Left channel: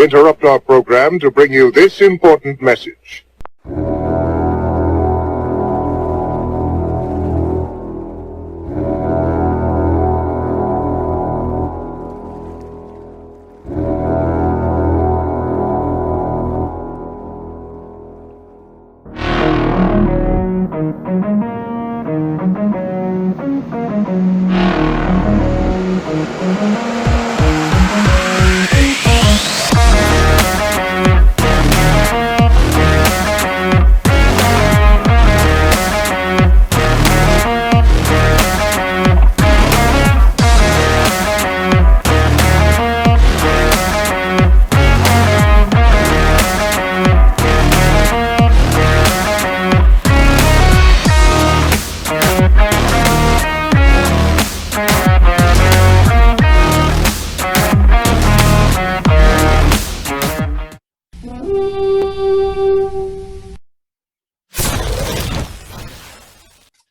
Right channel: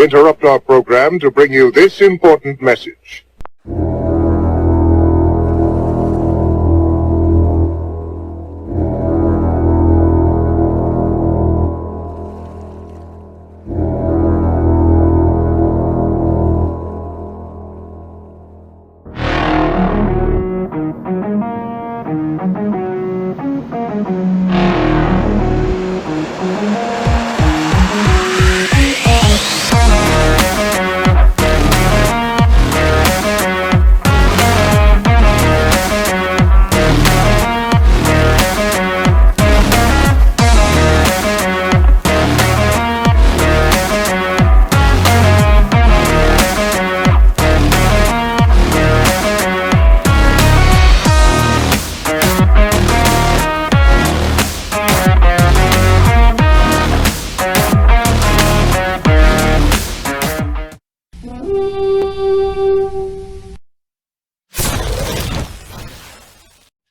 We interrupt our program to bring you this important message.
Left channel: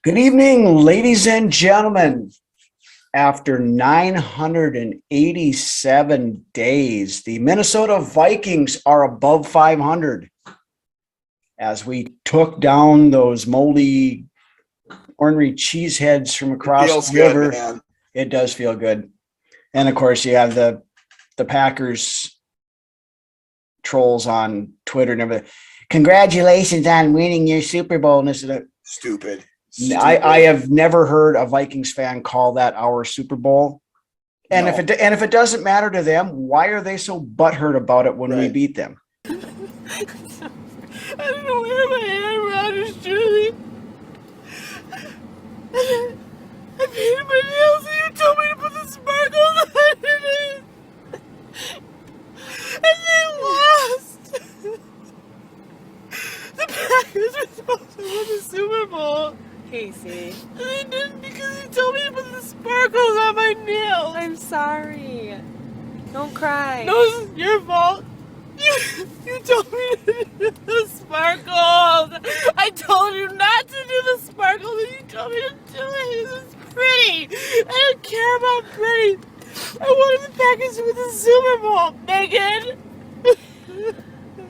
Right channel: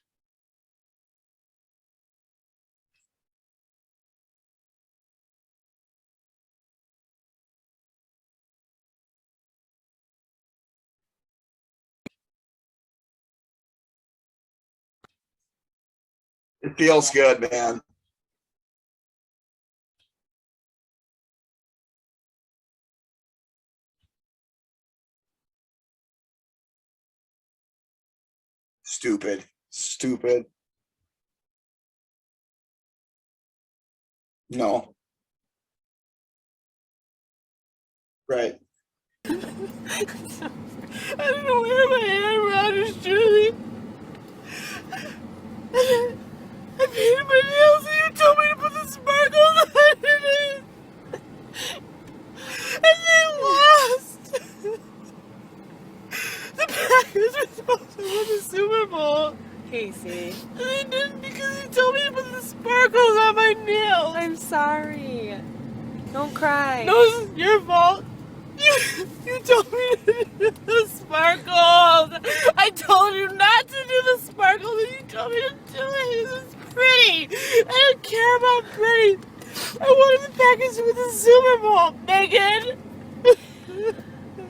Good evening, ladies and gentlemen. After 987 days, the Minnesota Vikings are above 500 as we took down those moldy, ornery cheeseheads from across feels the river. good, man. It does feel good. And of course, you have the Packers trolls on Twitter and everything. Congratulations on winning your Super Bowl. And this is Stupid. I have never heard a Vikings fan call that our Super Bowl. And No. if it doesn't matter to them, why are they so butthurt about it when we Right. beat them? I don't know where my Aaron Rodgers jersey. I painted my nails and you told me to put the sparkles underneath. And they lost. The Packers were supposed to win the Super Bowl. Casey, And they didn't because you told me to put the sparkles on my nails. I'm sorry. Don't cry. No, it's your fault. You told me to do the sparkles. I told you not to do the sparkles, and you told me to do it. It's pretty. I don't care about pretty. I wanted the Packers to win the Super Bowl, Megan.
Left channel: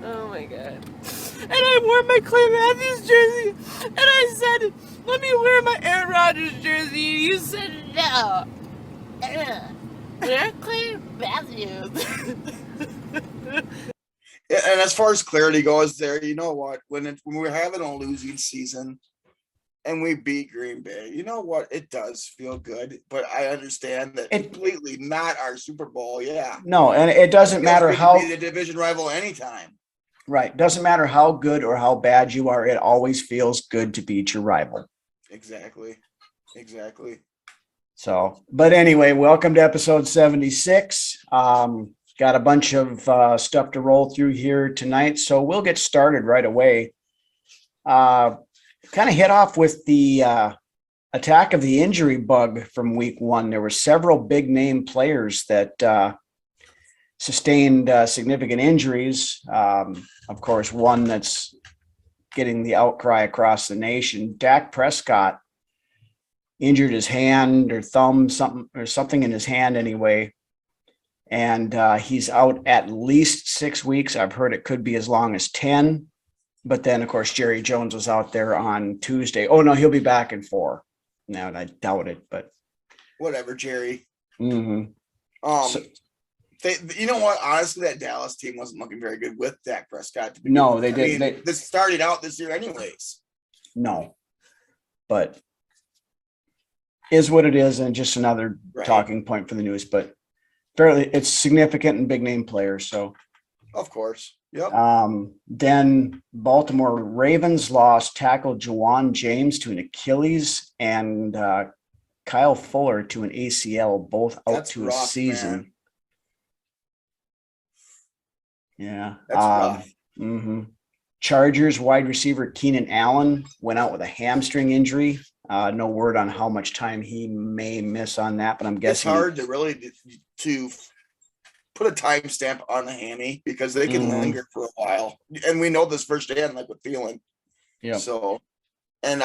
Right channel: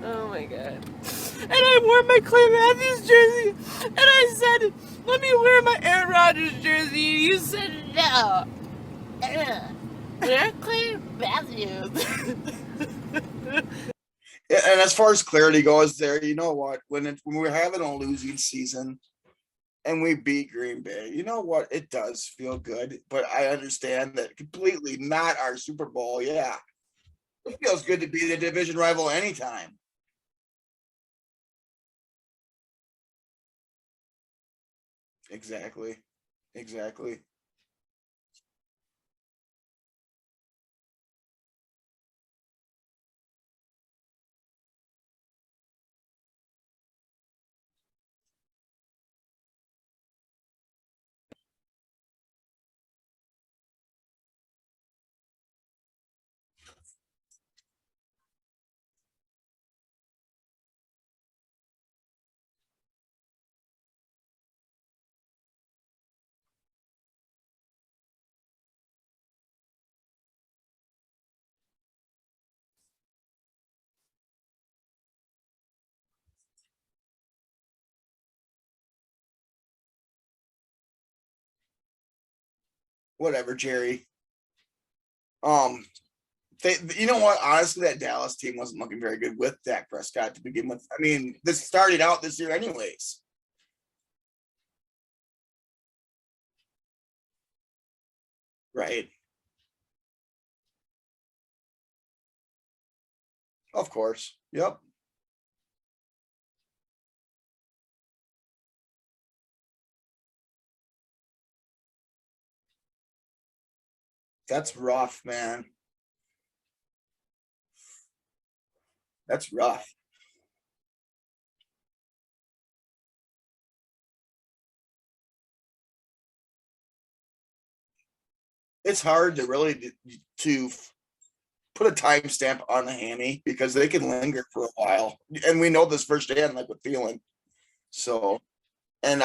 Oh my god. And I wore my Clay Matthews jersey, and I said, "Let me wear my Aaron Rodgers jersey." And you said no. Wear Clay Matthews. Yeah, and as far as clarity goes, there, you know what? When we're having a losing season and we beat Green Bay, you know what? It does feel good, but I understand that completely not our Super Bowl. Yeah, No, and it doesn't feels matter good how to be the division rival anytime. right. Doesn't matter how good or how bad you are. It always feels good to beat your rival. Exactly. So, but anyway, welcome to episode 76. Got a bunch of stuff to roll through here tonight, so we'll get started right away. Kind of hit off with the attack of the injury bug from week one. There were several big name players that sustained significant injuries. Of course, one that's getting the outcry across the nation, Dak Prescott, injured his hand or thumb, something in his hand anyway. And he's out at least 6 weeks. I've heard it could be as long as 10. But then, of course, Jerry Jones was out there on Tuesday. Oh, no, he'll be back in 4. No, and I doubt it, but. Whatever, Jerry. Mm-hmm. You know what? Honestly, that Dallas team wasn't looking very good with Dak Prescott. To begin No, with. they I didn't. mean, this started out this year anyways. No, but is what it is, and just another talking point for the news. But fairly, it's significant and big name players. So, of course, yep. Then Baltimore Ravens lost tackle Juwan James to an Achilles and Kyle Fuller to an ACL, both out That's to rough, a season. man. Yeah, That's rough. Mm-hmm. Chargers wide receiver Keenan Allen went out with a hamstring injury. No word on how much time he may miss on that, but I'm guessing it's hard to really to put a timestamp on the hammy because they can linger for a while, and we know this firsthand, like with Thielen. Yeah. So, and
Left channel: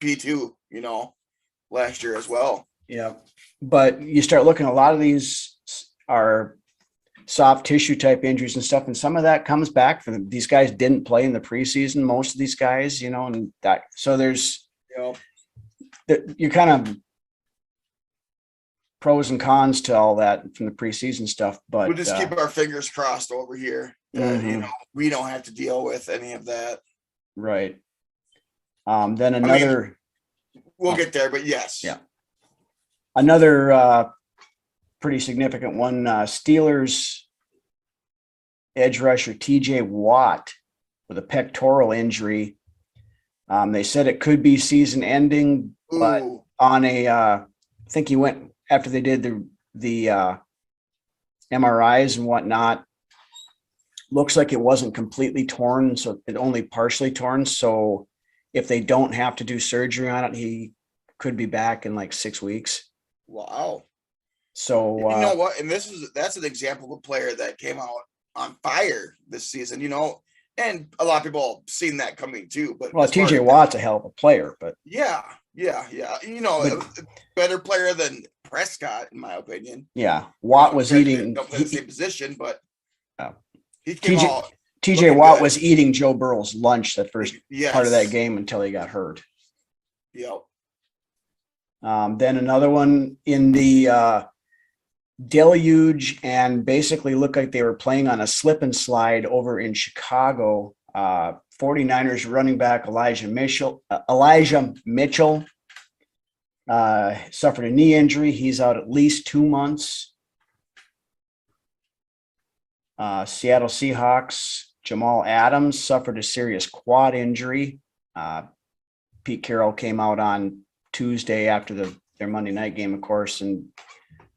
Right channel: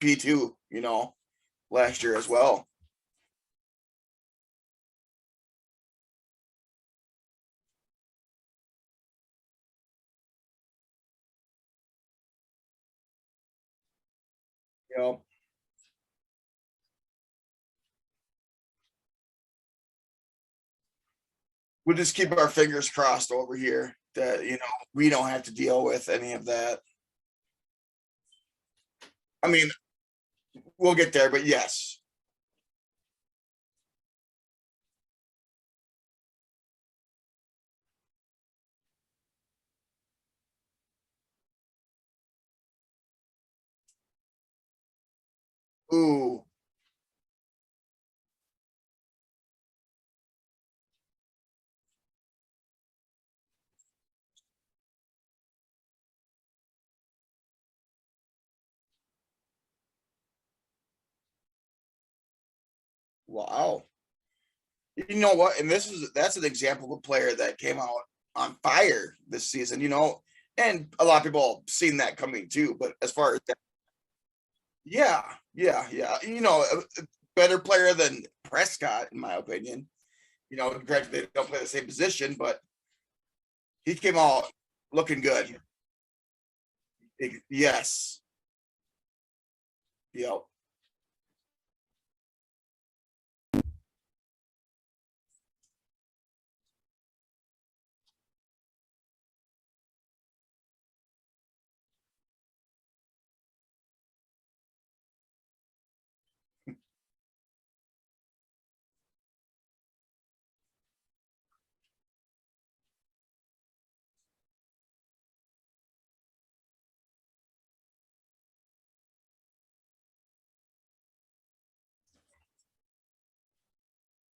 P2, last year as well. Yeah, but you start looking. A lot of these are soft tissue type injuries and stuff. And some of that comes back from them. These guys didn't play in the preseason, most of these guys, you know, and that, so there's, you kind of pros and cons to all that from the preseason stuff, but we'll just keep our fingers crossed over here that, you know, we don't have to deal with any of that. right. Then another, we'll get there, but yes. Yeah. Another pretty significant one, Steelers edge rusher TJ Watt with a pectoral injury. They said it could be season ending, but on a, I think he went after they did the MRIs and whatnot. Looks like it wasn't completely torn, so it only partially torn. So if they don't have to do surgery on it, he could be back in like 6 weeks. Wow. So you know what? And that's an example of a player that came out on fire this season, you know, and a lot of people have seen that coming too. But well, TJ Watt's a hell of a player, but yeah. You know, a better player than Prescott, in my opinion. Yeah. Watt was eating, don't play the same position, but he came out. TJ Watt was eating Joe Burrow's lunch that first Yes. part of that game until he got hurt. Yep. Then another one in the deluge, and basically looked like they were playing on a slip and slide over in Chicago. 49ers running back Elijah Mitchell suffered a knee injury. He's out at least 2 months. Seattle Seahawks Jamal Adams suffered a serious quad injury. Pete Carroll came out on Tuesday after their Monday night game, of course, and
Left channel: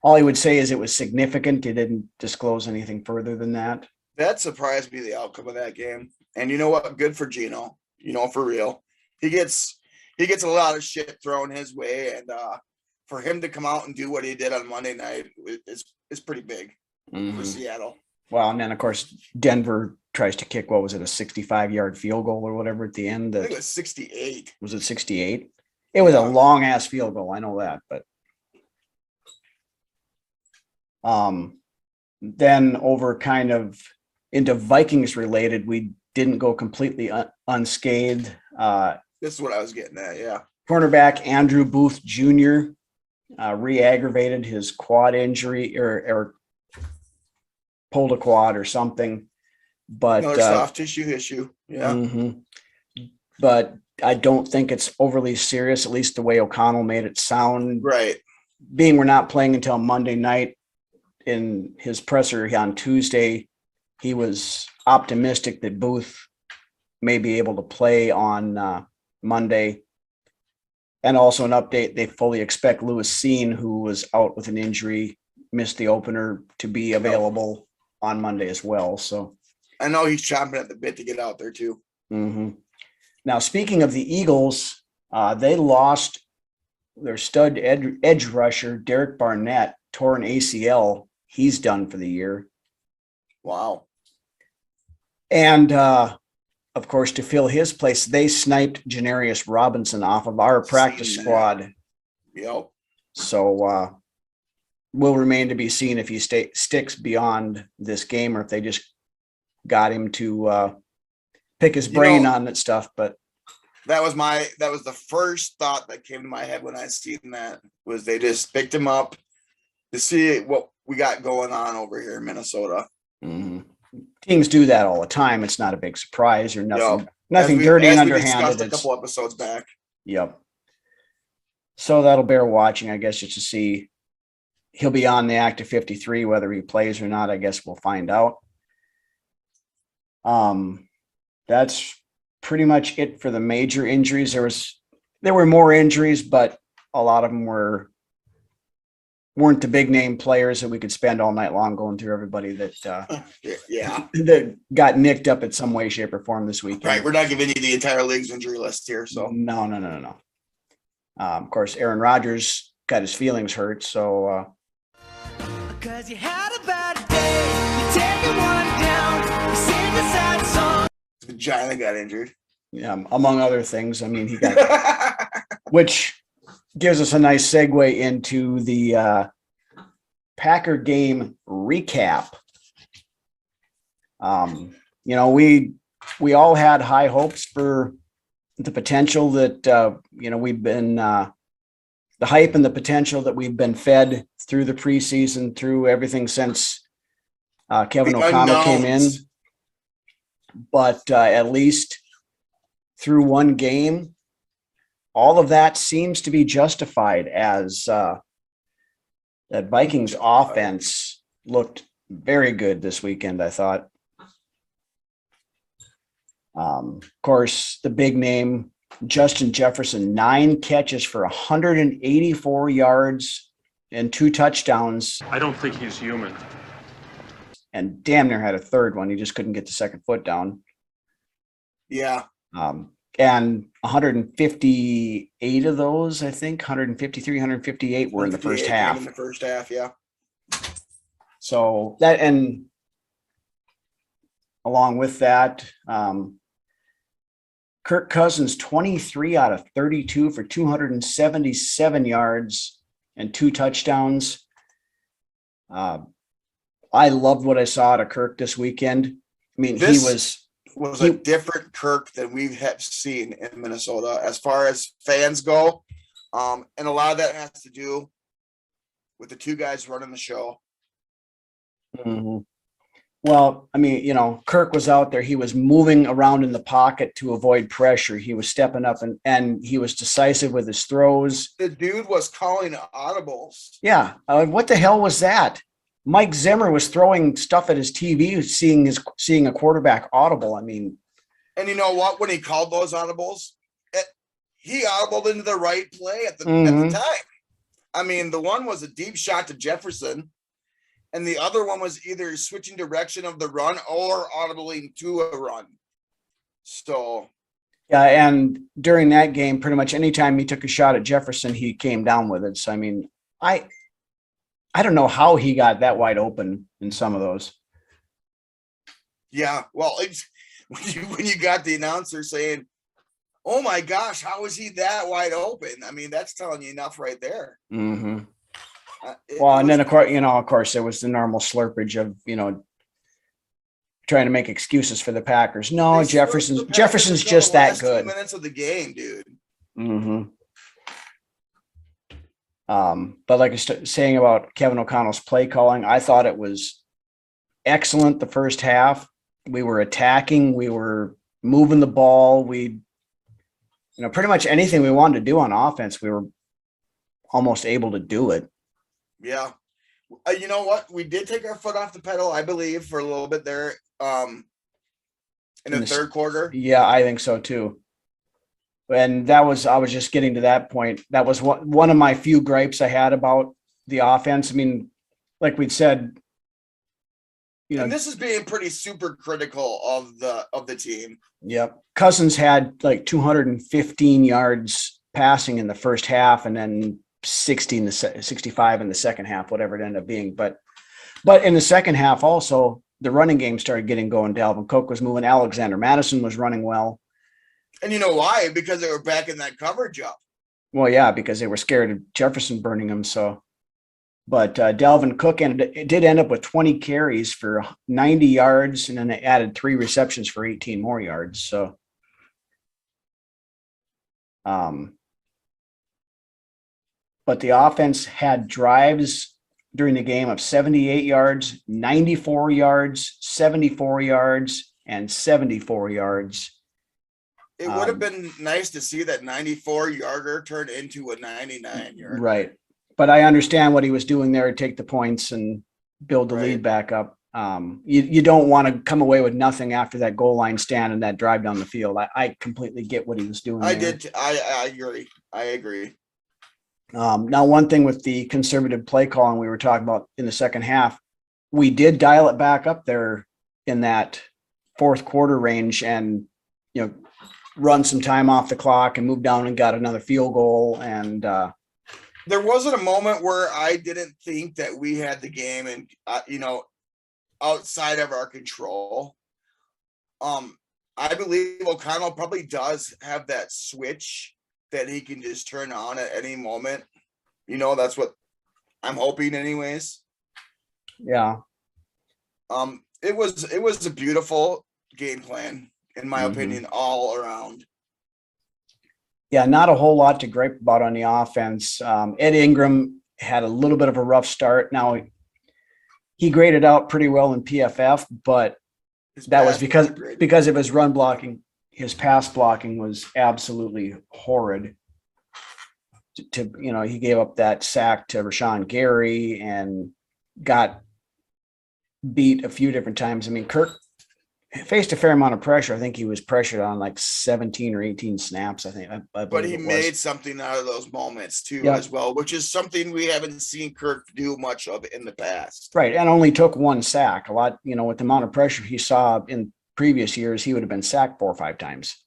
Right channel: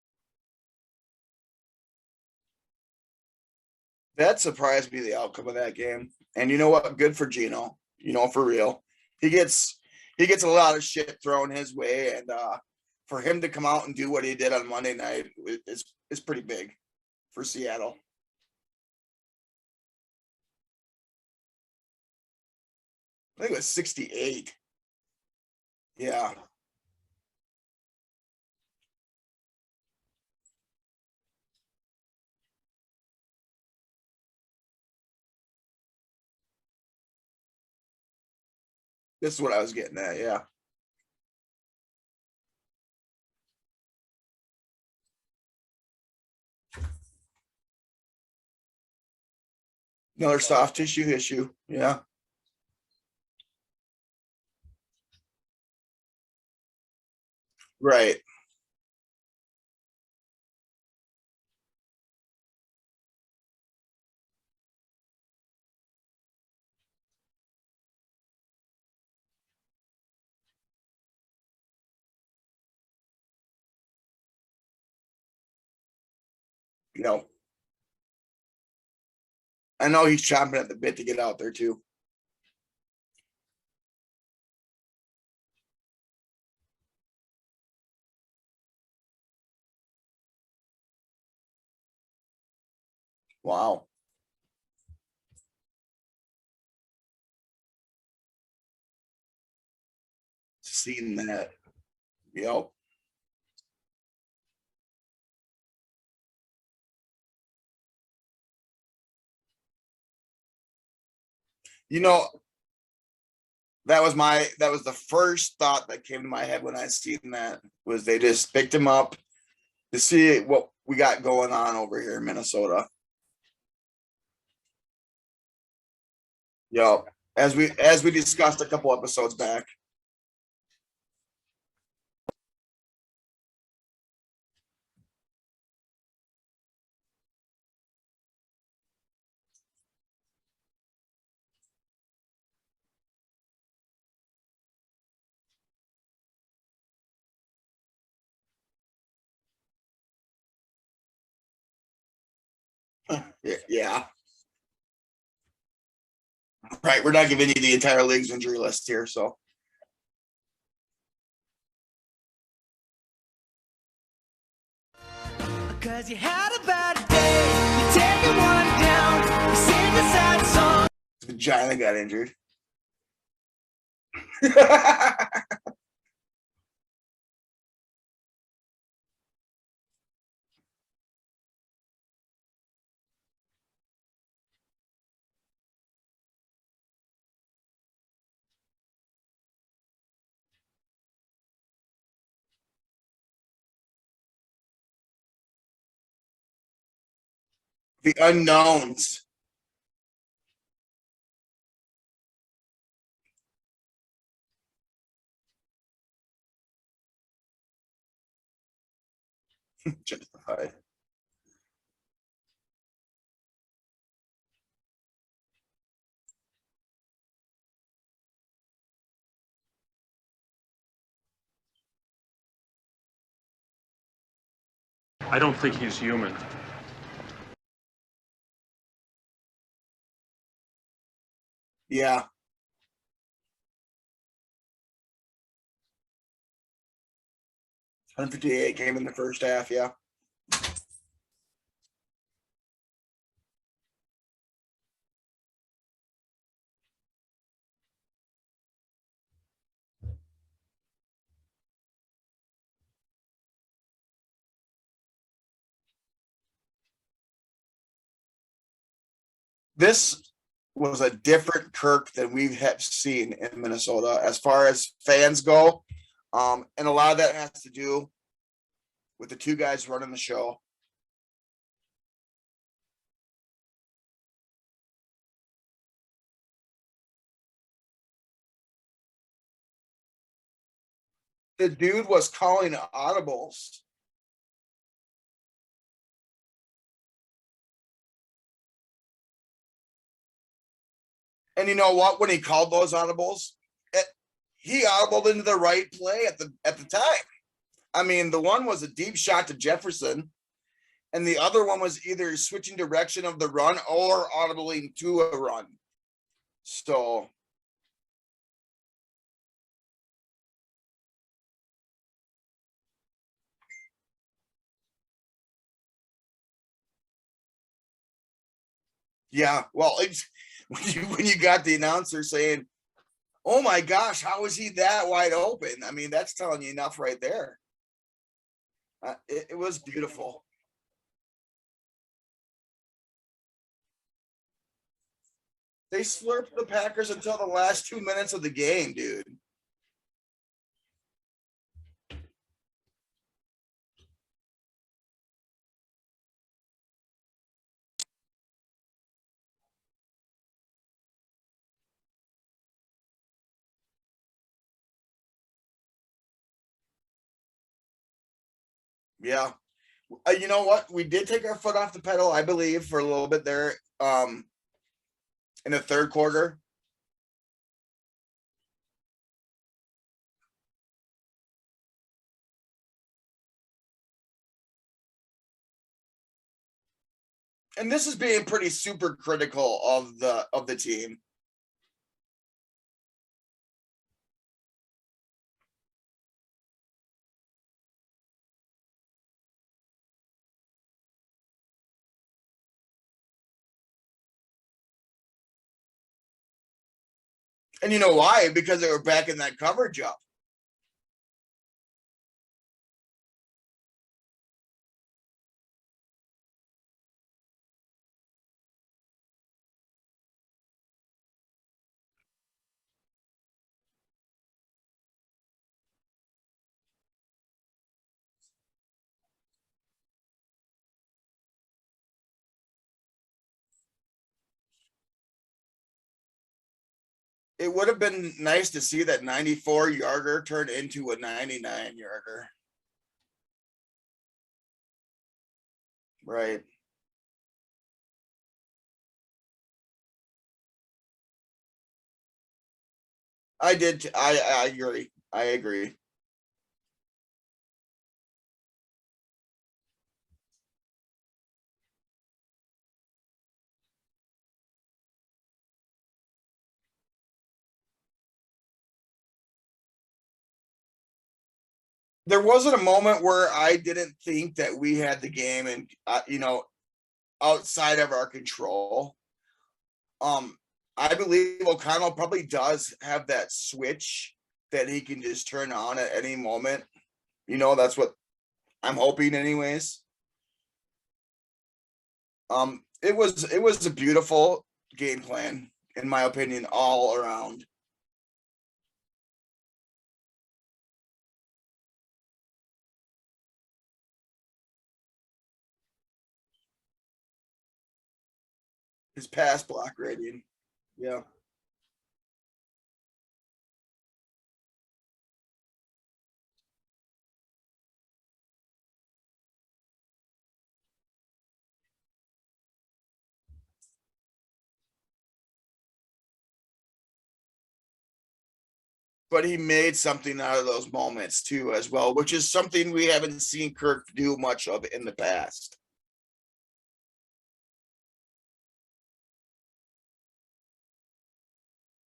all he would say is it was significant. He didn't disclose anything further than that. That surprised me, the outcome of that game. And you know what? Good for Gino. You know, for real. He gets a lot of shit thrown his way, and for him to come out and do what he did on Monday night is pretty big for Seattle. Well, and then of course Denver tries to kick, what was it, a 65-yard field goal or whatever at the end? I think it was 68. Was it 68? It was a long ass field goal. I know that, but then over kind of into Vikings related, we didn't go completely unscathed. This is what I was getting at. Yeah. Cornerback Andrew Booth Jr. Re-aggravated his quad injury or pulled a quad or something, but another soft tissue issue. Yeah. But I don't think it's overly serious, at least the way O'Connell made it sound. Right. Being we're not playing until Monday night, in his presser on Tuesday, he was optimistic that Booth may be able to play on Monday. And also an update, they fully expect Lewis Seen, who was out with an injury, missed the opener, to be available on Monday as well. So I know he's chomping at the bit to get out there too. Now, speaking of the Eagles, they lost their stud edge rusher, Derek Barnett, tore an ACL. He's done for the year. Wow. And of course, to fill his place, they sniped Janarius Robinson off of our practice squad. Yep. So will remain to be seen if he sticks beyond this game, or if they just got him to pick his brain on that stuff. But that was the first thought that came to my head when I seen that, was they just picked him up to see what we got going on over here in Minnesota. Teams do that all the time. It's not a big surprise or nothing. Yep. Nothing dirty, as we discussed a couple episodes back. Yep. So that'll bear watching, I guess, just to see. He'll be on the active 53, whether he plays or not, I guess we'll find out. That's pretty much it for the major injuries. There were more injuries, but a lot of them weren't the big name players that we could spend all night long going through everybody that that got nicked up in some way, shape, or form this week. Right. We're not giving you the entire league's injury list here. So no. Of course, Aaron Rodgers got his feelings hurt. So because you had a bad day, you take one down, you sing a sad song. The Vagina got injured. Yeah, among other things. I mean, he got which gives us a nice segue into the Packer game recap. You know, we all had high hopes for the potential that, you know, we've been, the hype and the potential that we've been fed through the preseason, through everything since Kevin The O'Connell came in. unknowns. But at least through one game, all of that seems to be justified as that Vikings offense looked very good this weekend, I thought. Of course, the big name, Justin Jefferson, 9 catches for 184 yards and 2 touchdowns, I don't think he's human. and damn near had a third one. He just couldn't get the second foot down. Yeah. And 158 of those, I think, 153, 158 were in the first 158 came half. in the first half, yeah. So that, and along with that, Kirk Cousins, 23 out of 32 for 277 yards and 2 touchdowns. I loved what I saw out of Kirk this weekend. I mean, This was a different Kirk than we have seen in Minnesota as far as fans go. And a lot of that has to do with the 2 guys running the show. Mhm. Well, I mean, you know, Kirk was out there. He was moving around in the pocket to avoid pressure. He was stepping up and he was decisive with his throws. The dude was calling audibles. Yeah. What the hell was that? Mike Zimmer was throwing stuff at his TV, seeing a quarterback audible. I mean, And you know what? When he called those audibles, he audibled into the right play at the time. I mean, the one was a deep shot to Jefferson, and the other one was either switching direction of the run or audibling to a run. So yeah, and during that game, pretty much anytime he took a shot at Jefferson, he came down with it. So I mean, I don't know how he got that wide open in some of those. yeah, well, when you got the announcer saying, "Oh my gosh, how is he that wide open?" I mean, that's telling you enough right there. Mm-hmm. It Well, and was then of course, beautiful. there was the normal slurpage of, trying to make excuses for the Packers. No, They slurped the Packers Jefferson's until just the that last 2 good. minutes of the game, dude. Mm-hmm. But like I was saying about Kevin O'Connell's play calling, I thought it was excellent the first half. We were attacking, we were moving the ball, pretty much anything we wanted to do on offense, we were almost able to do it. Yeah. You know what? We did take our foot off the pedal, I believe, for a little bit there in the third quarter. Yeah, I think so too. And I was just getting to that point. That was one of my few gripes I had about the offense. I mean, like we'd said, And this is being pretty super critical of the team. Yep. Cousins had like 215 yards passing in the first half, and then 65 in the second half, whatever it ended up being. But in the second half, also the running game started getting going. Dalvin Cook was moving. Alexander Madison was running well. And you know why? Because they were back in that coverage up. Well, yeah, because they were scared of Jefferson burning them. So, but Dalvin Cook did end up with 20 carries for 90 yards, and then they added 3 receptions for 18 more yards. So, but the offense had drives during the game of 78 yards, 94 yards, 74 yards, and 74 yards. It would have been nice to see that 94-yarder turn into a 99-yarder. Right. But I understand what he was doing there to take the points and build the Right. lead back up. You don't want to come away with nothing after that goal line stand and that drive down the field. I completely get what he was doing. I there. did. I agree. I agree. Now, one thing with the conservative play calling we were talking about in the second half, we did dial it back up there in that fourth quarter range and, run some time off the clock and move down and got another field goal. And There wasn't a moment where I didn't think that we had the game and, outside of our control. I believe O'Connell probably does have that switch that he can just turn on at any moment. That's what I'm hoping anyways. yeah. It was a beautiful game plan, in my Mhm. opinion, all around. Yeah, not a whole lot to gripe about on the offense. Ed Ingram had a little bit of a rough start. Now he graded out pretty well in PFF, but His that was pass block grade. because of his run blocking. His pass blocking was absolutely horrid. He gave up that sack to Rashawn Gary and got beat a few different times. I mean, Kirk faced a fair amount of pressure. I think he was pressured on like 17 or 18 snaps. I think, I But believe he it was. made something out of those moments too, Yep. as well, which is something we haven't seen Kirk do much of in the past. Right, and only took one sack. A lot, with the amount of pressure he saw in previous years, he would have been sacked 4 or 5 times.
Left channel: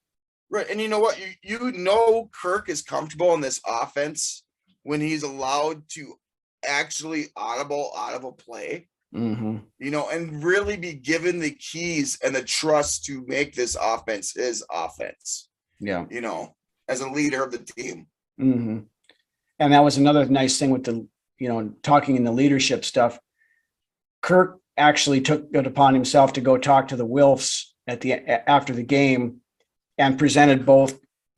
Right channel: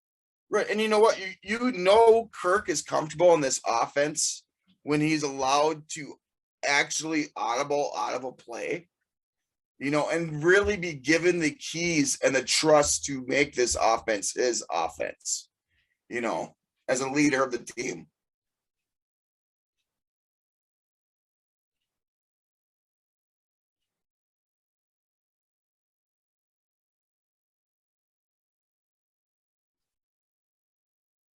Right. And you know what? You know Kirk is comfortable in this offense when he's allowed to actually audible out of a play, Mm-hmm. and really be given the keys and the trust to make this offense his offense, Yeah. as a leader of the team. Mm-hmm. And that was another nice thing with the, talking in the leadership stuff. Kirk actually took it upon himself to go talk to the Wilfs after the game and presented both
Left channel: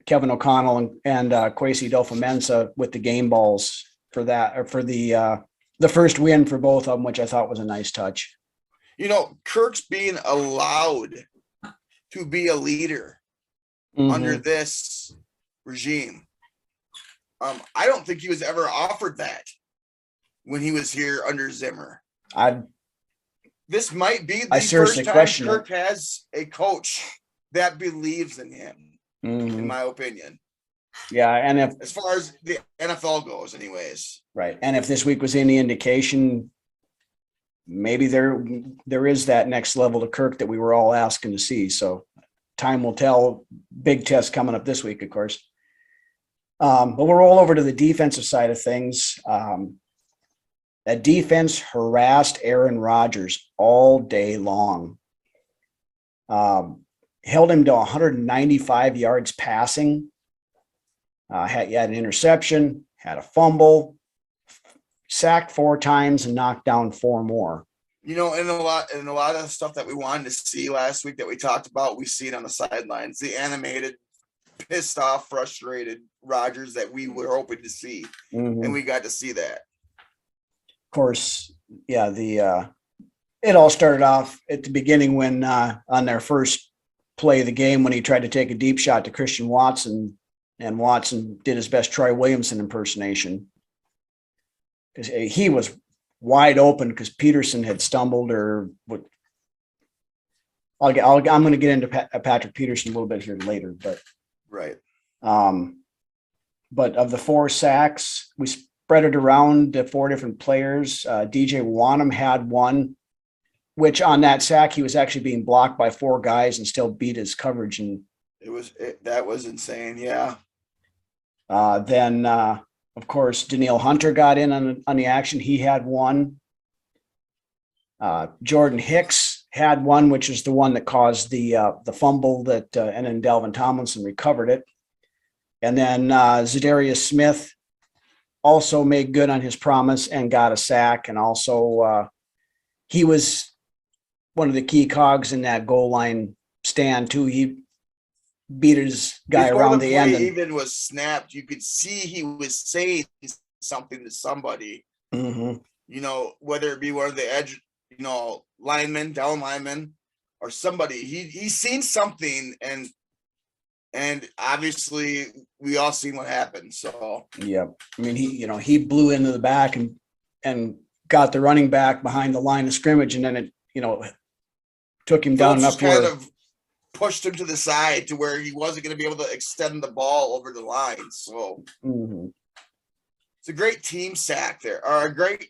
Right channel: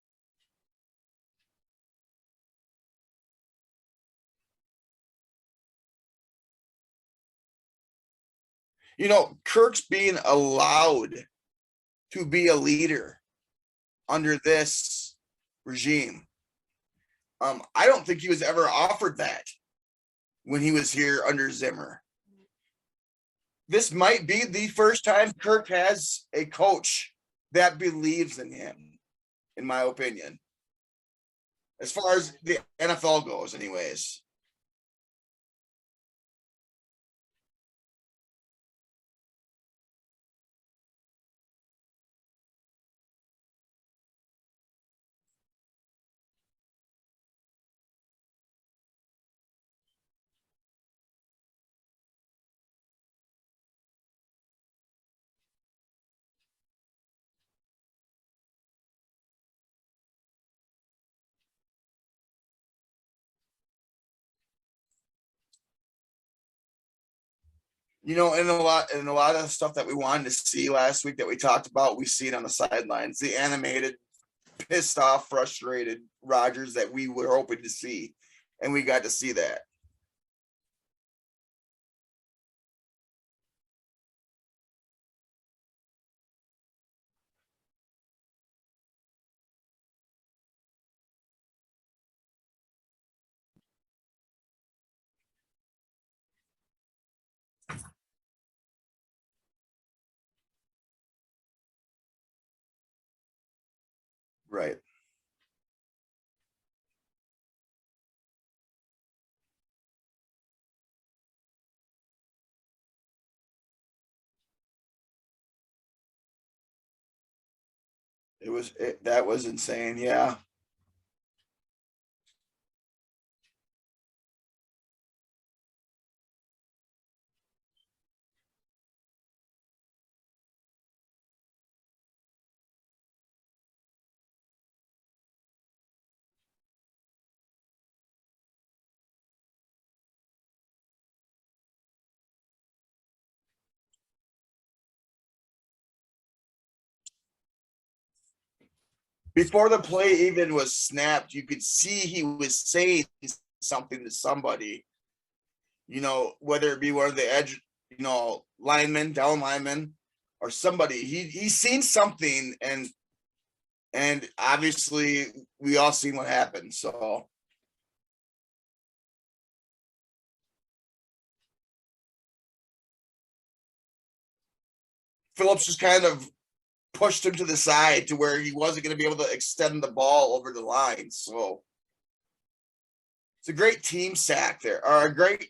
Kevin O'Connell and Kwesi Adofo-Mensah with the game balls for that, or for the first win for both of them, which I thought was a nice touch. Kirk's being allowed to be a leader Mhm. under this regime. I don't think he was ever offered that when he was here under Zimmer. This might be the seriously first time question Kirk has a coach that believes in him, Mhm. in my opinion, Yeah, and as far as the NFL goes, anyways. right, and if this week was any indication, maybe there is that next level to Kirk that we were all asking to see. So time will tell. Big test coming up this week, of course. But we'll roll over to the defensive side of things. That defense harassed Aaron Rodgers all day long. Held him to 195 yards passing. Had an interception, had a fumble, sacked 4 times, and knocked down 4 more. And a lot of stuff that we wanted to see last week that we talked about, we see it on the sidelines. The animated, pissed off, frustrated Rodgers that we were hoping to see, and we got to see that. Of course, yeah. It all started off at the beginning when on their first play of the game, when he tried to take a deep shot to Christian Watson, and Watson did his best Troy Williamson impersonation because he was wide open because Peterson had stumbled or what. I'm going to get into Patrick Peterson a little bit here later, but right. But of the 4 sacks, we spread it around to 4 different players. DJ Wanham had one, which on that sack, he was actually being blocked by 4 guys and still beat his coverage. And that was insane. Yeah. Then, of course, Danielle Hunter got in on the action. He had one. Jordan Hicks had one, which is the one that caused the fumble and then Dalvin Tomlinson recovered it. And then Zadarius Smith also made good on his promise and got a sack. And also he was one of the key cogs in that goal line stand too. He beat his guy before around the play even was snapped. You could see he was saying something to somebody, whether it be one of the edge, linemen, down linemen, or somebody. He's seen something, and obviously we all seen what happened. So yeah, I mean, he blew into the back and got the running back behind the line of scrimmage, and then it took him down. Phillips just kind of pushed him to the side to where he wasn't going to be able to extend the ball over the line. So it's a great team sack there, or a great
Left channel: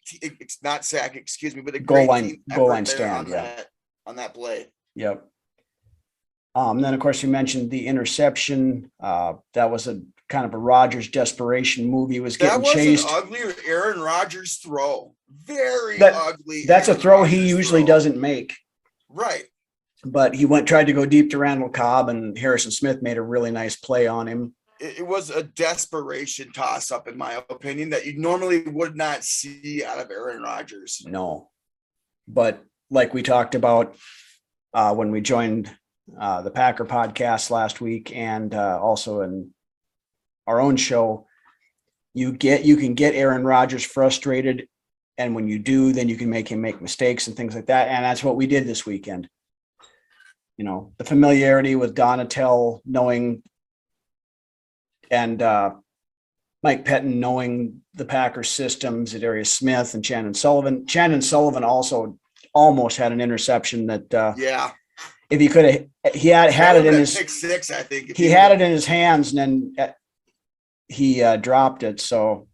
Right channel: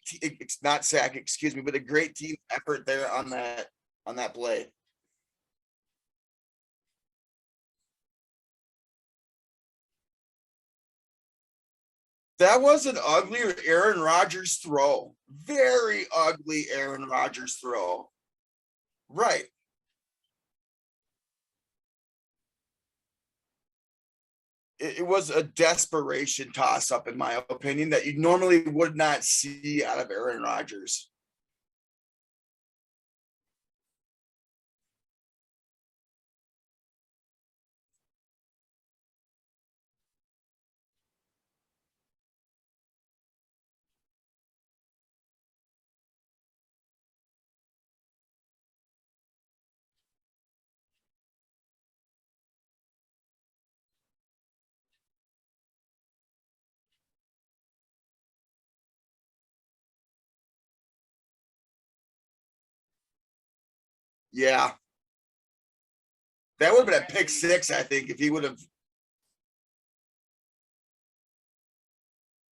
not sack, excuse me, but a great team effort there on that play. Yep. Then of course you mentioned the interception. That was a kind of a Rodgers desperation move. He was getting chased. An uglier Aaron Rodgers throw. Very ugly. That's Aaron a throw Rodgers he usually doesn't make. Right. But he tried to go deep to Randall Cobb, and Harrison Smith made a really nice play on him. It was a desperation toss up, in my opinion, that you normally would not see out of Aaron Rodgers. No, but like we talked about when we joined the Packer podcast last week, and also in our own show, you can get Aaron Rodgers frustrated, and when you do, then you can make him make mistakes and things like that. And that's what we did this weekend. You know, the familiarity with Donatel knowing, and Mike Pettin knowing the Packers systems, Darius Smith and Shannon Sullivan. Shannon Sullivan also almost had an interception that Yeah. if he could have, he had That it would in have his been a pick six, I think. If he had it in his hands, and then he dropped it. So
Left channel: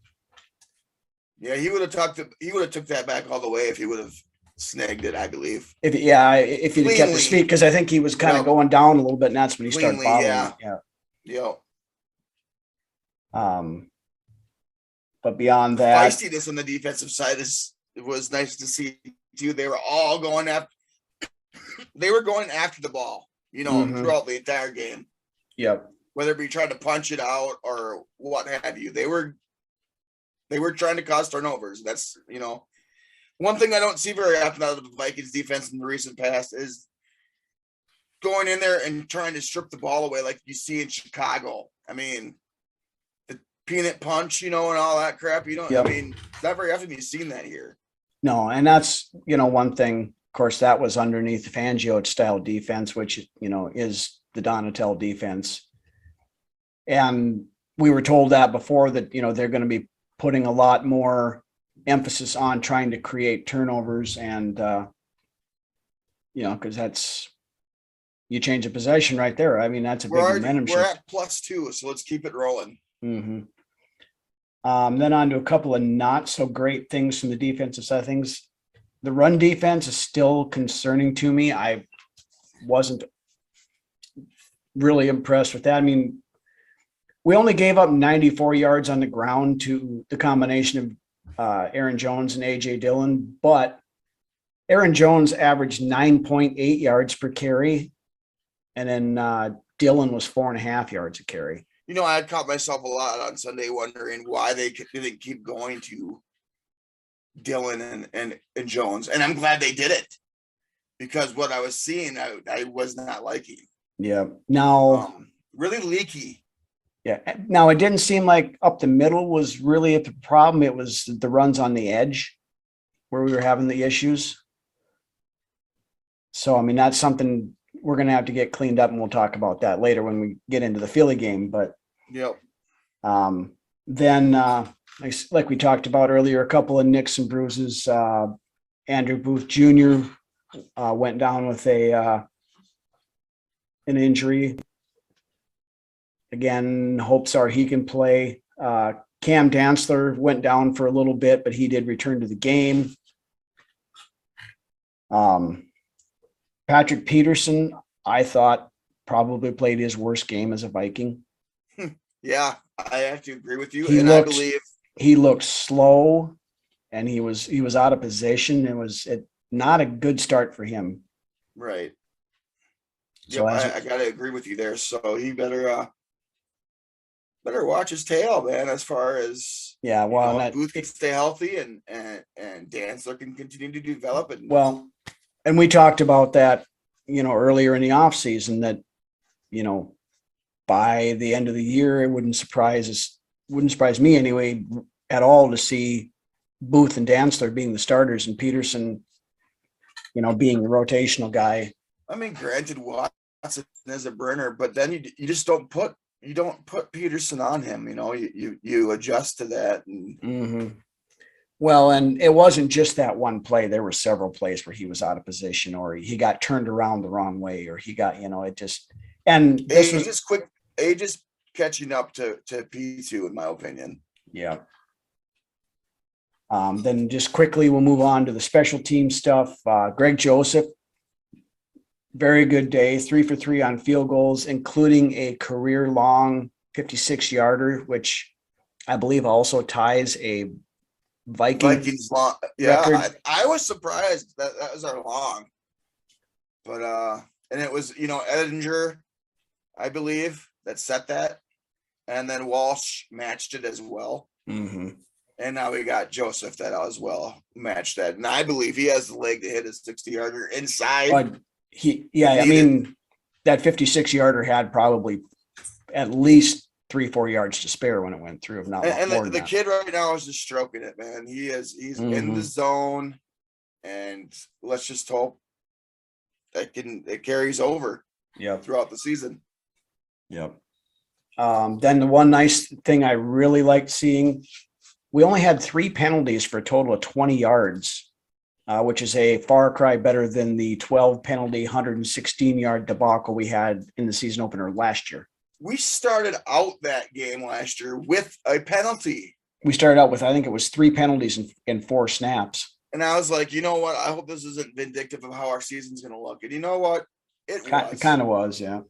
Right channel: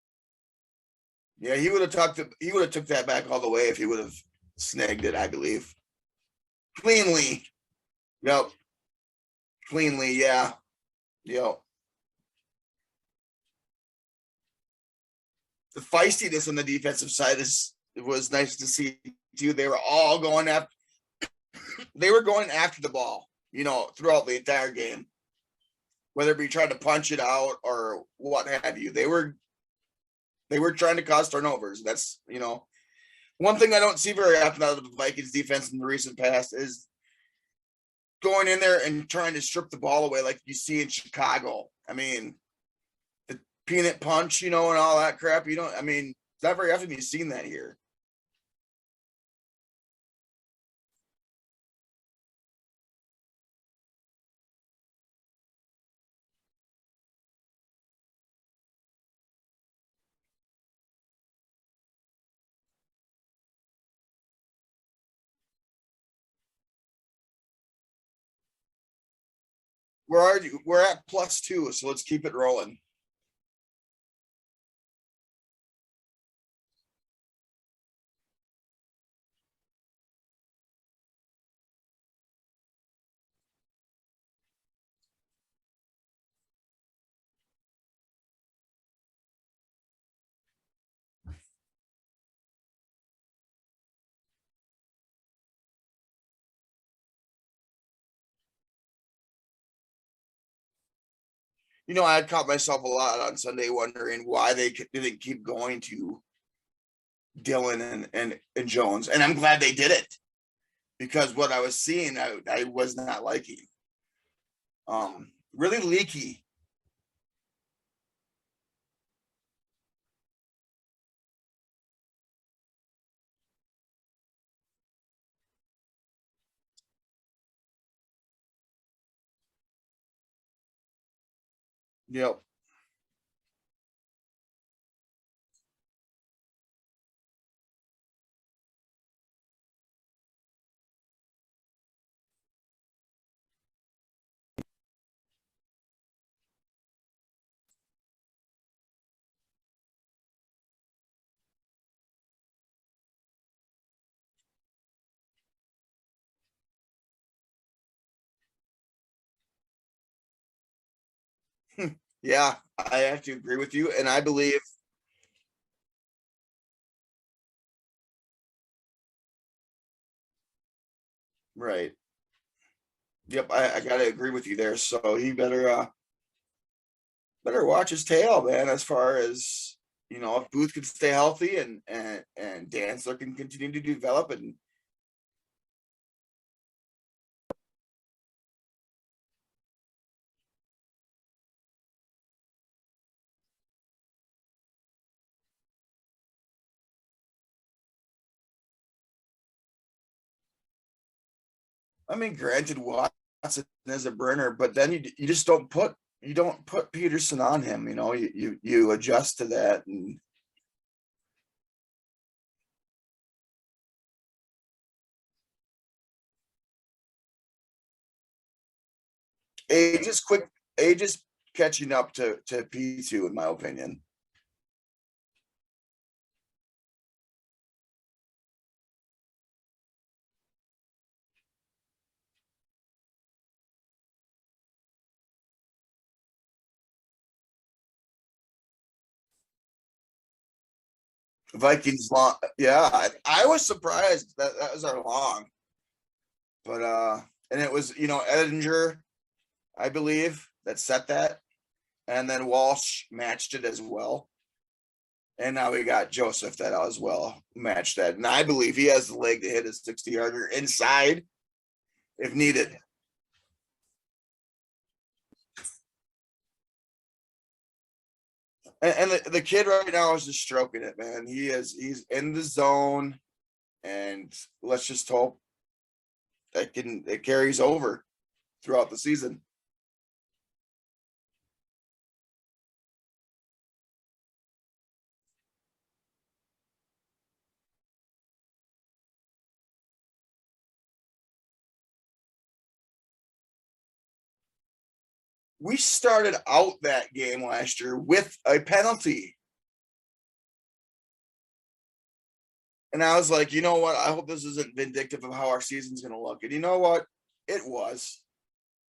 Yeah, he would have took that back all the way if he would have snagged it, I believe. if he kept his Cleanly. feet, because I think he was kind of Yep. going down a little bit, and that's when he started Cleanly, following. yeah. Yeah. Yep. But beyond The that, feistiness on the defensive side was nice to see too. They were all going after the ball, Mhm. throughout the entire game. yep. Whether it be trying to punch it out or what have you. They were trying to cause turnovers. That's, one thing I don't see very often out of the Vikings defense in the recent past is going in there and trying to strip the ball away like you see in Chicago. I mean, the peanut punch, and all that crap. Yep. I mean, not very often you've seen that here. No, and that's, one thing, of course, that was underneath the Fangio style defense, which, is the Donatel defense. And we were told that before that, they're going to be putting a lot more emphasis on trying to create turnovers, and, because that's, you change a possession right there. I mean, that's a big momentum We're shift. at +2, so let's keep it rolling. Mm-hmm. Then on to a couple of not so great things from the defensive side of things. The run defense is still concerning to me. I wasn't really impressed with that. I mean, we only gave up 94 yards on the ground to the combination of Aaron Jones and AJ Dillon, but Aaron Jones averaged 9.8 yards per carry, and then Dillon was 4.5 yards a carry. I had caught myself a lot on Sunday wondering why they didn't keep going to Dillon and Jones. And I'm glad they did it, because what I was seeing, I was not liking. Yeah. Now, really leaky. yeah. Now, it didn't seem like up the middle was really the problem. It was the runs on the edge where we were having the issues. So, I mean, that's something we're going to have to get cleaned up, and we'll talk about that later when we get into the Philly game. But Yep. then, like we talked about earlier, a couple of nicks and bruises. Andrew Booth Jr. Went down with an injury. Again, hopes are he can play. Cam Dantzler went down for a little bit, but he did return to the game. Patrick Peterson, I thought, probably played his worst game as a Viking. Yeah, I have to agree with you. I believe he looked slow, and he was out of position. It was not a good start for him. right. So Yep, I gotta agree with you there. So he better watch his tail, man, as far as Booth can stay healthy and Dantzler can continue to develop. And we talked about that, earlier in the off season, that, by the end of the year, it wouldn't surprise me anyway at all to see Booth and Dantzler being the starters and Peterson, being the rotational guy. I mean, granted, Watson is a burner, but then you just don't put Peterson on him. You adjust to that. And Mm-hmm. Well, and it wasn't just that one play. There were several plays where he was out of position, or he got turned around the wrong way, or he got, it just, and age is catching up to P2, in my opinion. Yeah. Then just quickly, we'll move on to the special team stuff. Greg Joseph, very good day, 3 for 3 on field goals, including a career long 56-yarder, which I believe also ties a Vikings long. Yeah, I was surprised that was our long, but and it was Edinger, I believe, that set that, and then Walsh matched it as well. Mm-hmm. And now we got Joseph that as well matched that. And I believe he has the leg to hit a 60-yarder inside. But I mean, that 56-yarder had probably at least 3-4 yards to spare when it went through. If not, And more than the that. kid right now is just stroking it, man. He's in the zone, and let's just hope that it carries over throughout the season. Yep. Then the one nice thing I really liked seeing, we only had 3 penalties for a total of 20 yards, which is a far cry better than the 12 penalty, 116-yard debacle we had in the season opener last year. We started out that game last year with a penalty. We started out with, I think it was 3 penalties in 4 snaps. And I was like, you know what? I hope this isn't vindictive of how our season's going to look. And you know what? It was. It kind of was, yeah.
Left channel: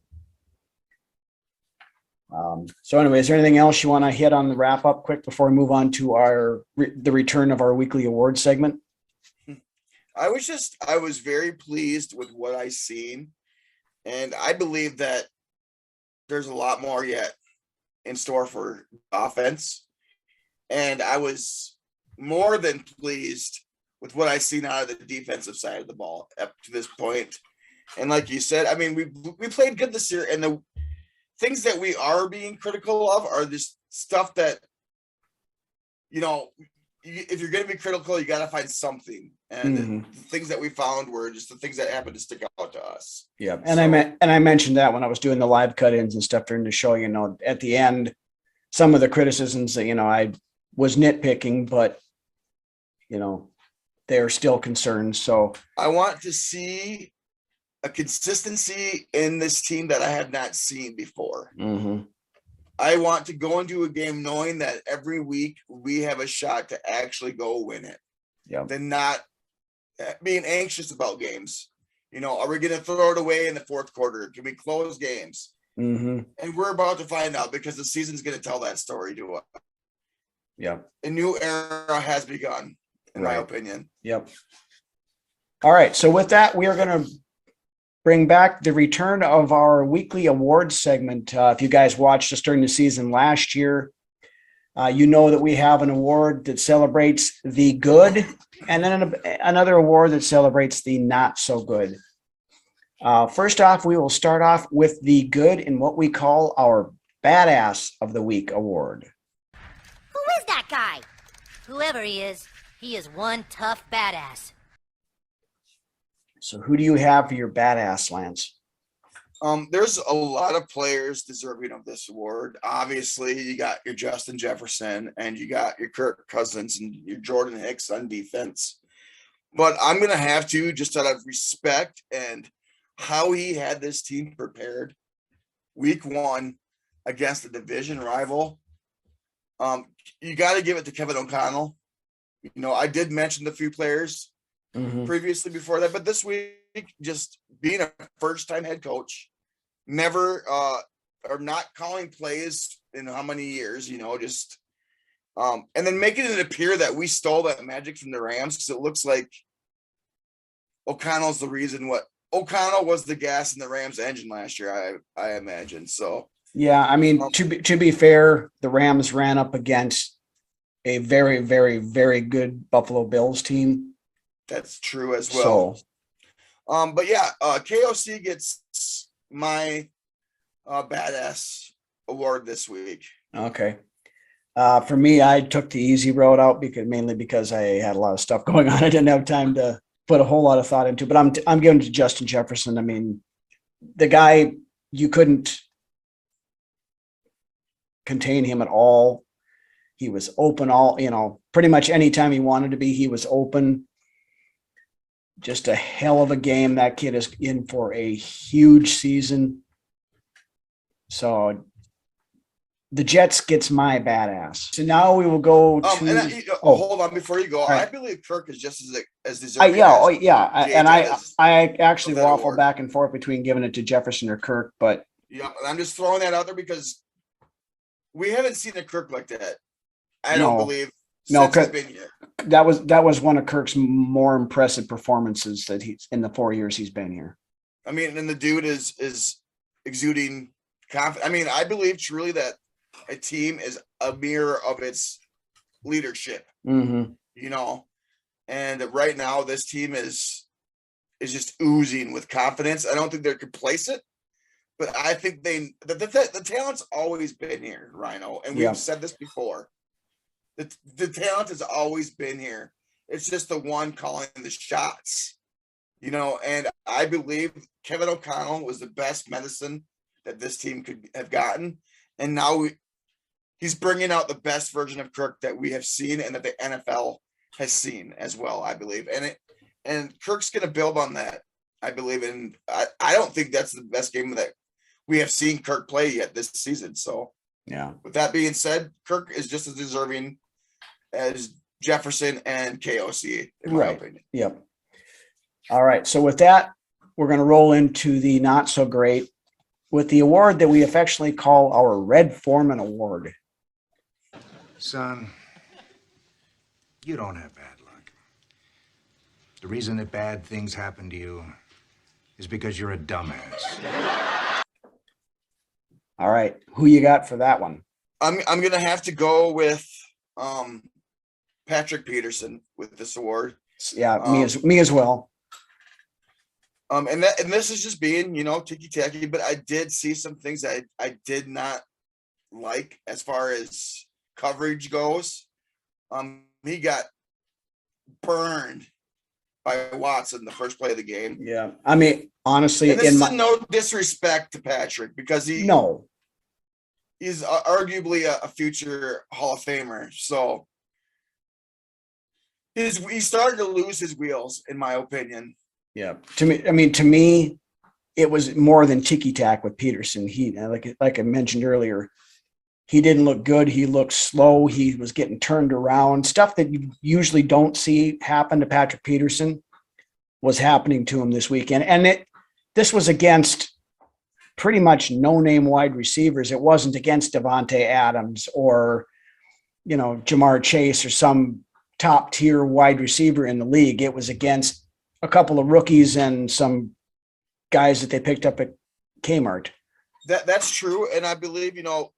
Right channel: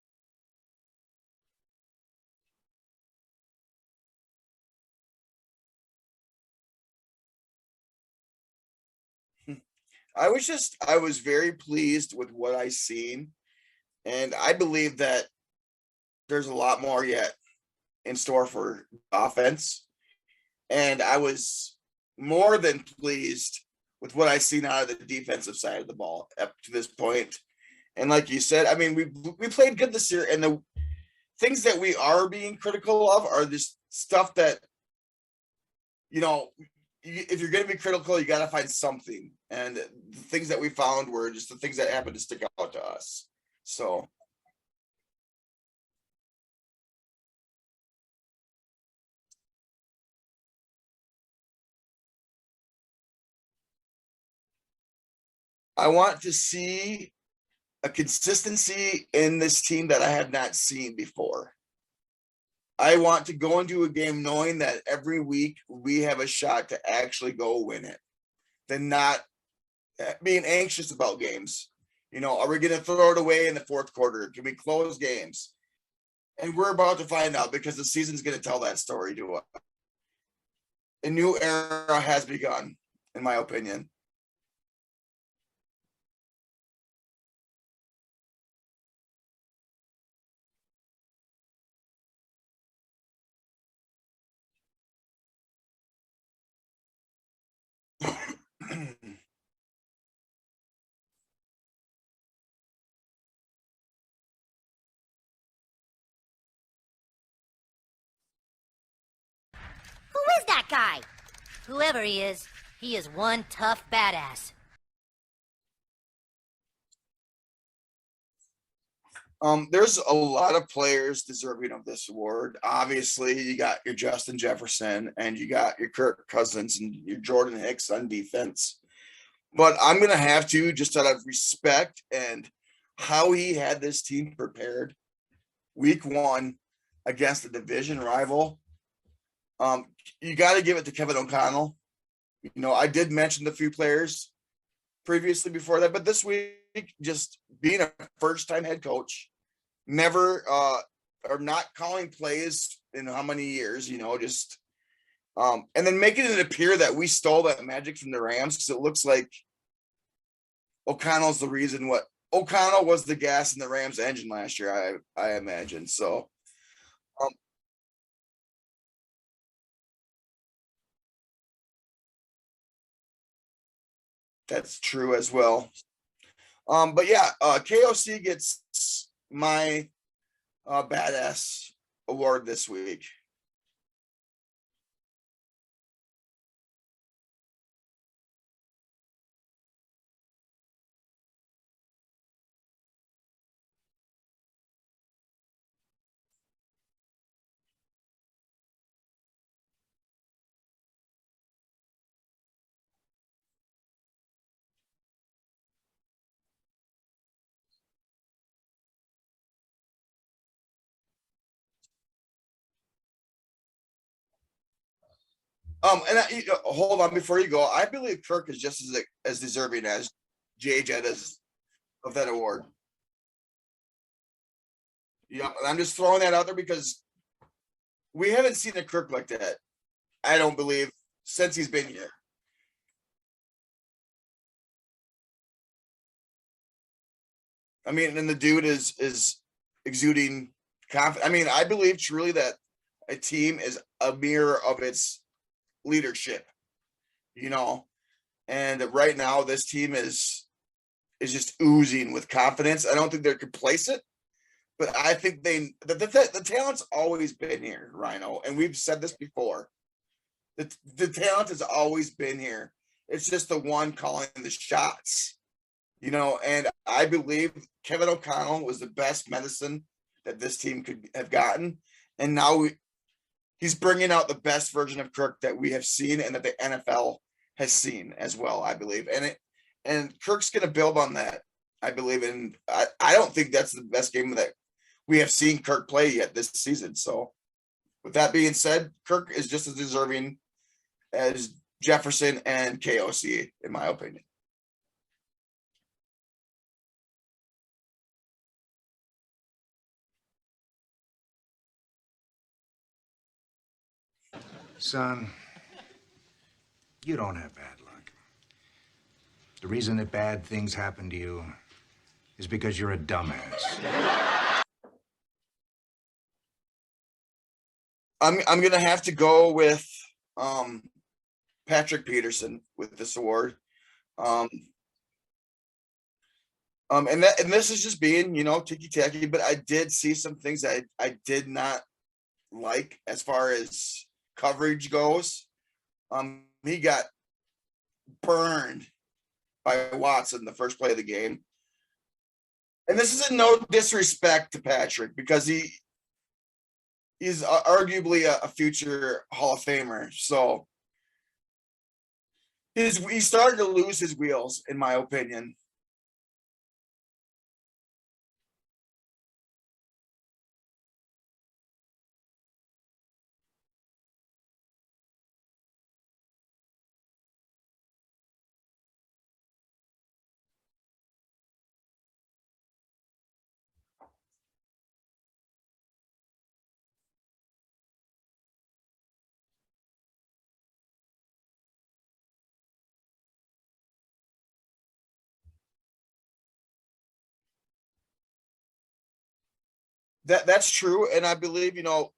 So anyway, is there anything else you want to hit on the wrap up quick before we move on to the return of our weekly award segment? I was very pleased with what I seen. And I believe that there's a lot more yet in store for offense. And I was more than pleased with what I seen out of the defensive side of the ball up to this point. And like you said, I mean, we played good this year, and the things that we are being critical of are this stuff that, you know, if you're going to be critical, you got to find something. And the things that we found were just the things that happened to stick out to us. Yeah. And I mentioned that when I was doing the live cut-ins and stuff during the show, you know, at the end, some of the criticisms that, you know, I was nitpicking, but, you know, they're still concerns. So I want to see a consistency in this team that I have not seen before. I want to go into a game knowing that every week we have a shot to actually go win it. Than not being anxious about games. You know, are we going to throw it away in the fourth quarter? Can we close games? And we're about to find out, because the season's going to tell that story to us. A new era has begun, in my opinion. All right. So with that, we are going to bring back the return of our weekly awards segment. If you guys watched us during the season last year, you know that we have an award that celebrates the good, and then another award that celebrates the not so good. First off, we will start off with the good in what we call our Badass of the Week award. Who is that guy? Whoever he is one tough badass. So who do you have for your badass, Lance? There's a lot of players deserving of this award. Obviously, you got your Justin Jefferson, and you got your Kirk Cousins, and your Jordan Hicks on defense. But I'm going to have to, just out of respect and how he had this team prepared week 1 against a division rival, you got to give it to Kevin O'Connell. You know, I did mention the few players previously before that, but this week, just being a first-time head coach, never or not calling plays in how many years, you know, just and then making it appear that we stole that magic from the Rams, because it looks like O'Connell was the gas in the Rams engine last year, I imagine. So yeah, I mean, to be fair, the Rams ran up against a very, very, very good Buffalo Bills team. That's true as well. But yeah, KOC gets my badass award this week. Okay. For me, I took the easy road out because I had a lot of stuff going on. I didn't have time to put a whole lot of thought into, but I'm giving it to Justin Jefferson. I mean, the guy, you couldn't contain him at all. He was open pretty much anytime he wanted to be, he was open. Just a hell of a game. That kid is in for a huge season. So the Jets gets my badass. So now we will go to hold on before you go. Right. I believe Kirk is just as deserving. I actually waffle back and forth between giving it to Jefferson or Kirk, but yeah, and I'm just throwing that out there because we haven't seen a Kirk like that. I don't believe since he's been here. That was one of Kirk's more impressive performances that he's in the 4 years he's been here. I mean, and the dude is exuding confidence. I mean, I believe truly that a team is a mirror of its leadership, Mm-hmm. you know, and right now this team is just oozing with confidence. I don't think they're complacent, but I think the talent's always been here, Rhino, and we've said this before. The talent has always been here. It's just the one calling the shots, you know, and I believe Kevin O'Connell was the best medicine that this team could have gotten. And now he's bringing out the best version of Kirk that we have seen and that the NFL has seen as well, I believe. And Kirk's going to build on that, I believe. And I don't think that's the best game that we have seen Kirk play yet this season. So, yeah. With that being said, Kirk is just as deserving as Jefferson and KOC, in my opinion. Yep. All right. So with that, we're going to roll into the not so great with the award that we affectionately call our Red Foreman Award. Son, you don't have bad luck. The reason that bad things happen to you is because you're a dumbass. All right. Who you got for that one? I'm going to have to go with Patrick Peterson with this award. Yeah, me as well. And this is just being, you know, ticky-tacky, but I did see some things that I did not like as far as coverage goes. He got burned by Watson the first play of the game. Yeah. I mean, honestly, and this is no disrespect to Patrick because he's arguably a future Hall of Famer. So he started to lose his wheels, in my opinion. Yeah. To me, it was more than ticky-tack with Peterson. He, like I mentioned earlier, he didn't look good. He looked slow. He was getting turned around. Stuff that you usually don't see happen to Patrick Peterson was happening to him this weekend. And this was against pretty much no-name wide receivers. It wasn't against Devontae Adams or, you know, Jamar Chase or some top-tier wide receiver in the league. It was against a couple of rookies and some guys that they picked up at Kmart. That's true. And I believe, you know,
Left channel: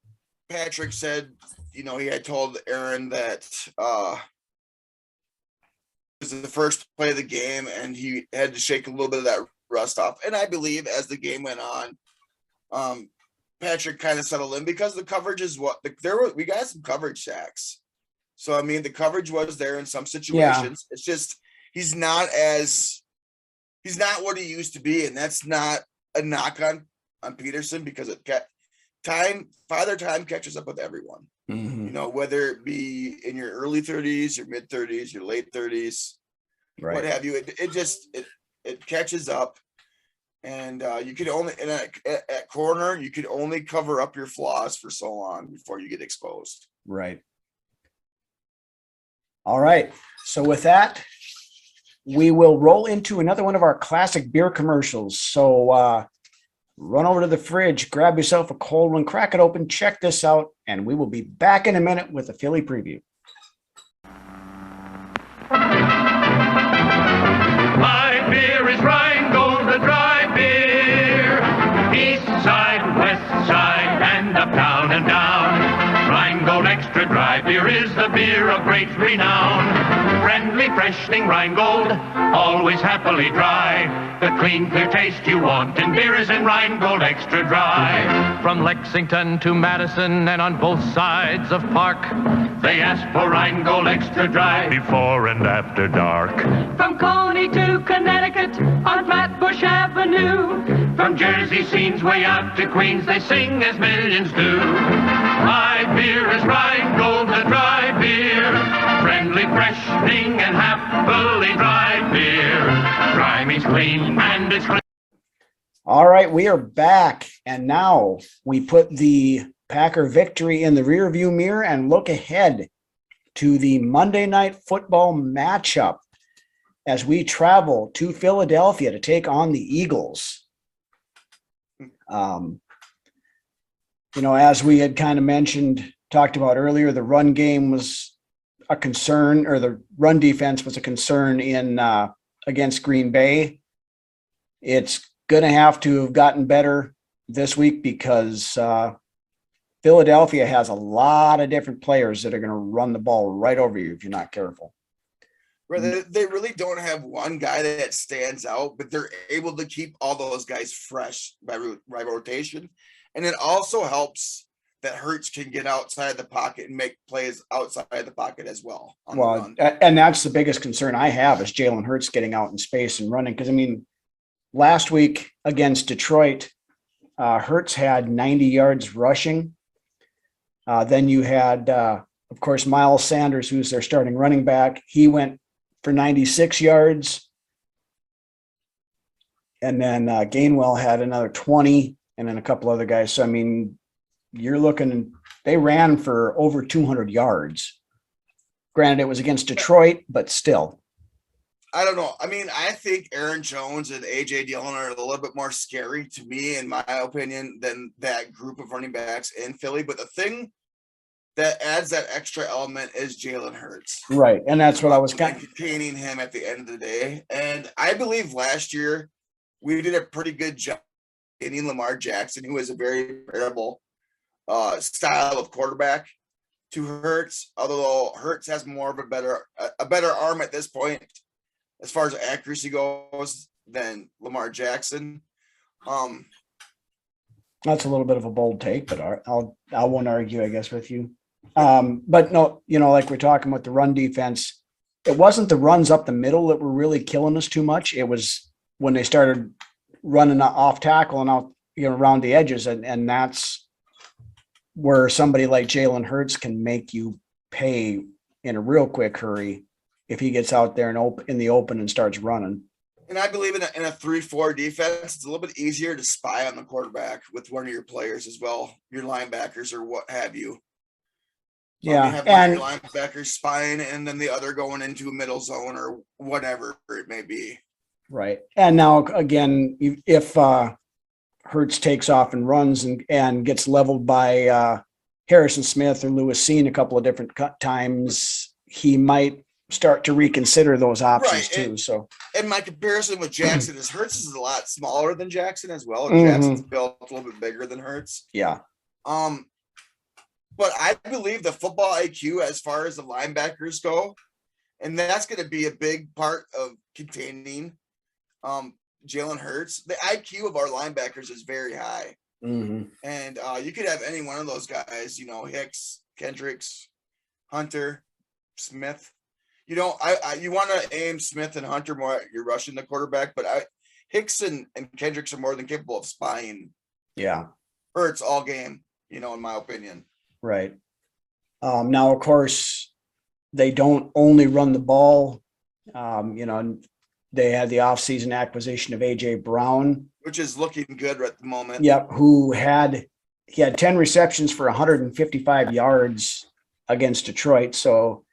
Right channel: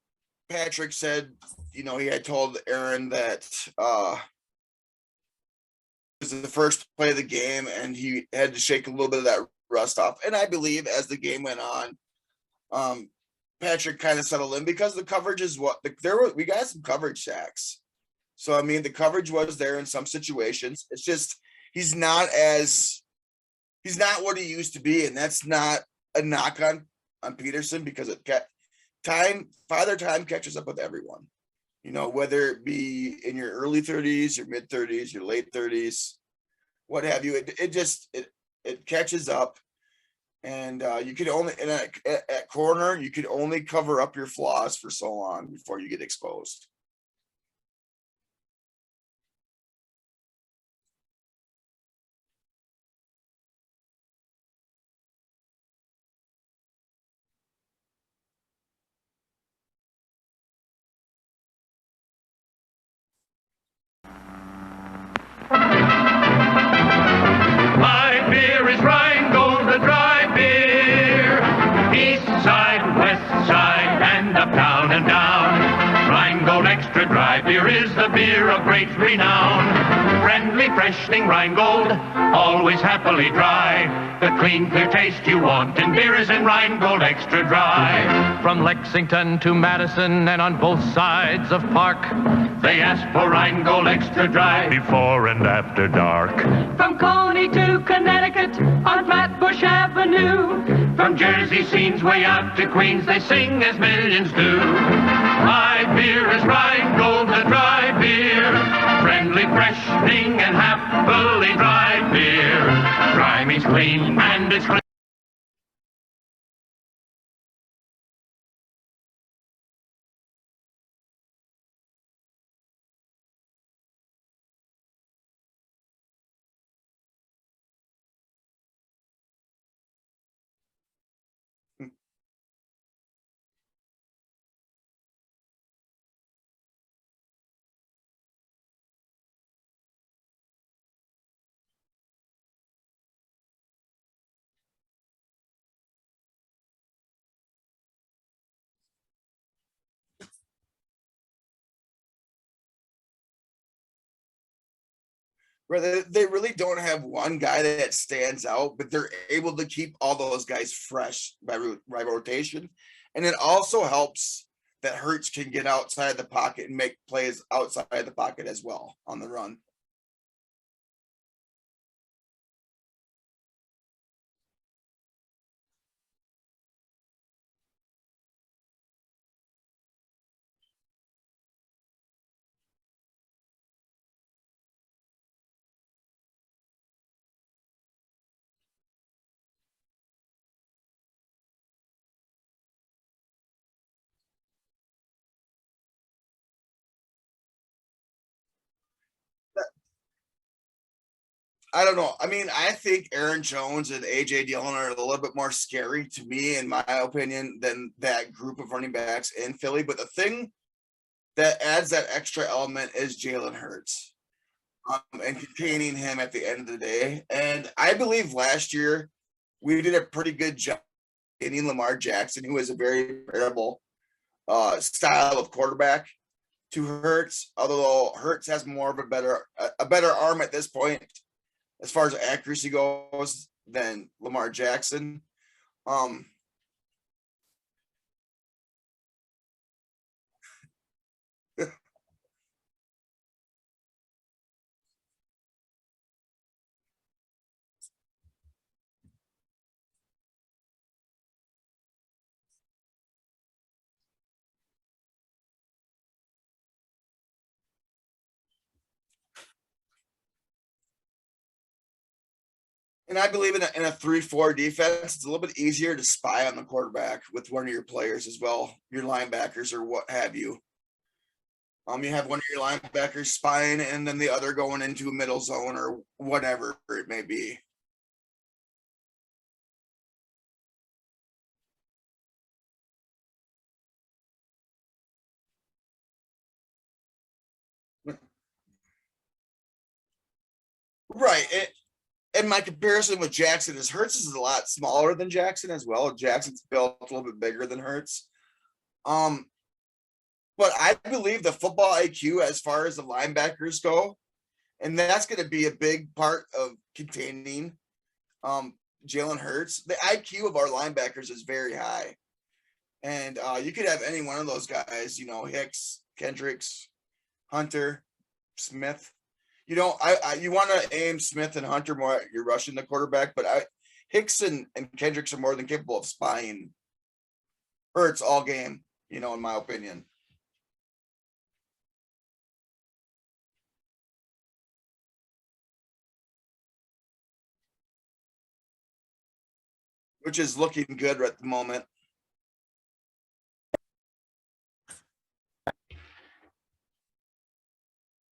Patrick said, you know, he had told Aaron that it was the first play of the game and he had to shake a little bit of that rust off. And I believe as the game went on, Patrick kind of settled in because the coverage is we got some coverage sacks. So, I mean, the coverage was there in some situations. Yeah. It's just, he's not what he used to be. And that's not a knock on Peterson because Father Time catches up with everyone, you know, whether it be in your early 30s, your mid 30s, your late 30s, what have you. It catches up. And you could only, at corner, you could only cover up your flaws for so long before you get exposed. Right. All right. So with that, we will roll into another one of our classic beer commercials. So run over to the fridge, grab yourself a cold one, crack it open, check this out, and we will be back in a minute with a Philly preview. My beer is Rheingold, the dry beer. East side, west side, and up, down, and down. Rheingold Extra Dry Beer is the beer of great renown. Friendly, freshening Rheingold, always happily dry. The clean, clear taste you want in beer is in Rheingold Extra Dry. From Lexington to Madison and on both sides of Park, they ask for Rheingold Extra Dry before and after dark. From Coney to Connecticut on Flatbush Avenue, from Jersey scenes way out to Queens, they sing as millions do. My beer is Rheingold, the dry beer, friendly, freshening, and happily dry beer. Dry means clean, and it's clean. All right, we are back, and now we put the Packer victory in the rearview mirror and look ahead to the Monday Night Football matchup as we travel to Philadelphia to take on the Eagles. You know, as we had kind of talked about earlier, the run game was a concern, or the run defense was a concern in against Green Bay. It's going to have to have gotten better this week because Philadelphia has a lot of different players that are going to run the ball right over you if you're not careful. They really don't have one guy that stands out, but they're able to keep all those guys fresh by rotation. And it also helps that Hurts can get outside the pocket and make plays outside the pocket as well on the run. And that's the biggest concern I have is Jalen Hurts getting out in space and running. Because, I mean, last week against Detroit, Hurts had 90 yards rushing. Then you had, of course, Miles Sanders, who's their starting running back. He went for 96 yards. And then Gainwell had another 20, and then a couple other guys. So, I mean, you're looking, they ran for over 200 yards. Granted, it was against Detroit, but still. I don't know. I mean, I think Aaron Jones and AJ Dillon are a little bit more scary to me, in my opinion, than that group of running backs in Philly. But the thing that adds that extra element is Jalen Hurts. Right. And that's what I was kind of containing him at the end of the day. And I believe last year we did a pretty good job getting Lamar Jackson, who is a very variable style of quarterback, to Hurts, although Hurts has more of a better arm at this point as far as accuracy goes than Lamar Jackson. That's a little bit of a bold take, but I won't argue, I guess, with you. But no, like we're talking about the run defense, it wasn't the runs up the middle that were really killing us too much. It was when they started running off tackle and out, around the edges. And that's where somebody like Jalen Hurts can make you pay in a real quick hurry if he gets out there and in the open and starts running. And I believe in a 3-4 defense, it's a little bit easier to spy on the quarterback with one of your players as well, your linebackers or what have you. Yeah, you have one of your linebackers spying and then the other going into a middle zone or whatever it may be. Right. And now, again, if Hurts takes off and runs and gets leveled by Harrison Smith or Lewis Cine a couple of different times, he might start to reconsider those options too. So, and my comparison with Jackson is Hurts is a lot smaller than Jackson as well. Jackson's built a little bit bigger than Hurts. Yeah. But I believe the football IQ as far as the linebackers go, and that's going to be a big part of containing Jalen Hurts. The IQ of our linebackers is very high. Mm-hmm. And you could have any one of those guys, Hicks, Kendricks, Hunter, Smith. You want to aim Smith and Hunter more at you're rushing the quarterback, but Hicks and Kendricks are more than capable of spying. Yeah. Hurts all game, in my opinion. Right. Now, of course, they don't only run the ball. They had the offseason acquisition of AJ Brown, which is looking good at the moment. Yep. He had 10 receptions for 155 yards against Detroit. So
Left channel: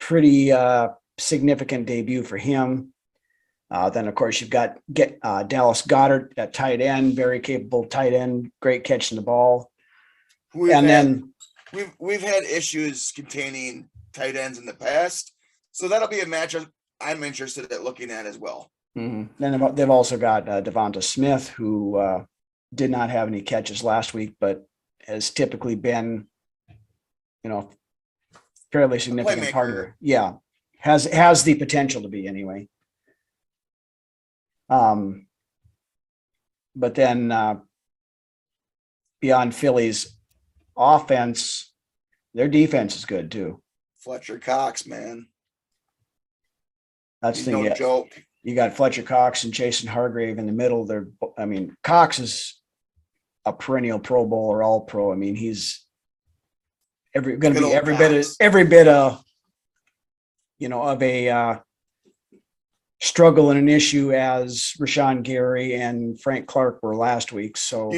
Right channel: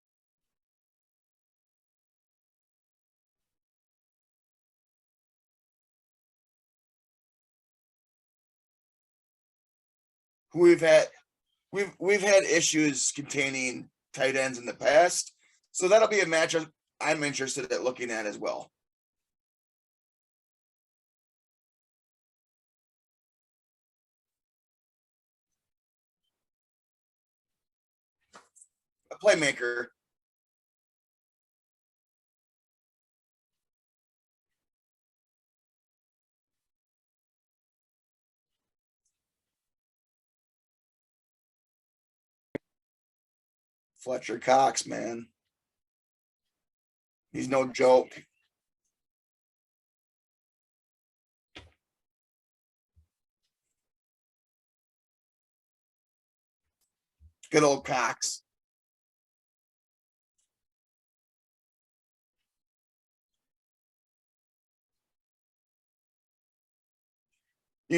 pretty significant debut for him. Then of course you've got Dallas Goedert at tight end, very capable tight end, great catching the ball. We've had issues containing tight ends in the past, so that'll be a matchup I'm interested at looking at as well. Mm-hmm. Then they've also got Devonta Smith, who did not have any catches last week, but has typically been, fairly significant part. Yeah, has the potential to be anyway. But then beyond Philly's offense, their defense is good too. Fletcher Cox, man. He's no joke. You got Fletcher Cox and Jason Hargrave in the middle. Cox is a perennial Pro Bowler, all pro. He's every bit of of a struggle and an issue as Rashawn Gary and Frank Clark were last week. So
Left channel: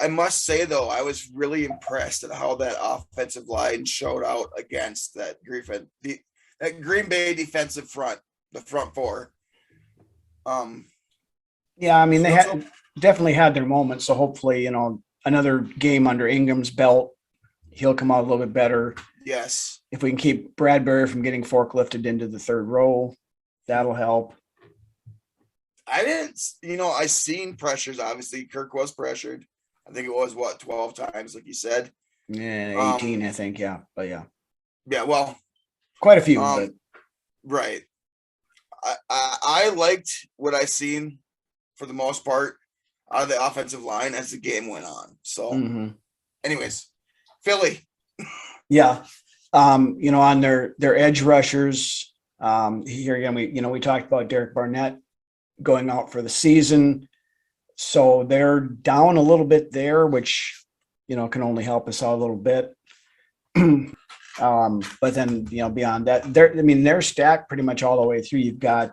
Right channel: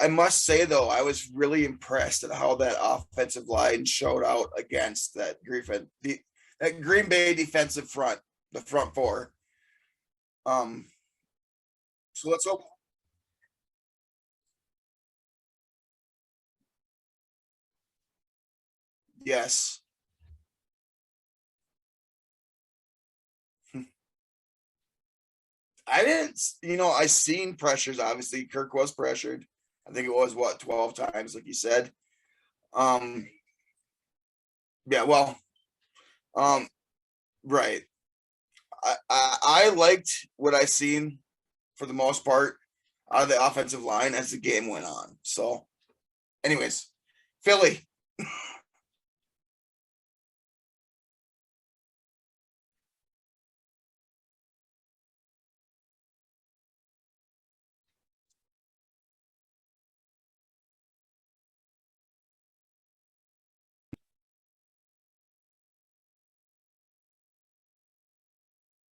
I must say though, I was really impressed at how that offensive line showed out against that Green Bay defensive front, the front four. They definitely had their moments. So hopefully, another game under Ingram's belt, he'll come out a little bit better. Yes. If we can keep Bradbury from getting forklifted into the third row, that'll help. I seen pressures. Obviously, Kirk was pressured. I think it was 12 times, like you said. Yeah, 18, I think. Yeah, but yeah, well, quite a few. Right. I liked what I seen for the most part out of the offensive line as the game went on. So, anyways, Philly. Yeah. On their edge rushers, here again, we talked about Derek Barnett going out for the season. So they're down a little bit there, which, can only help us out a little bit. But then, beyond that, they're stacked pretty much all the way through. You've got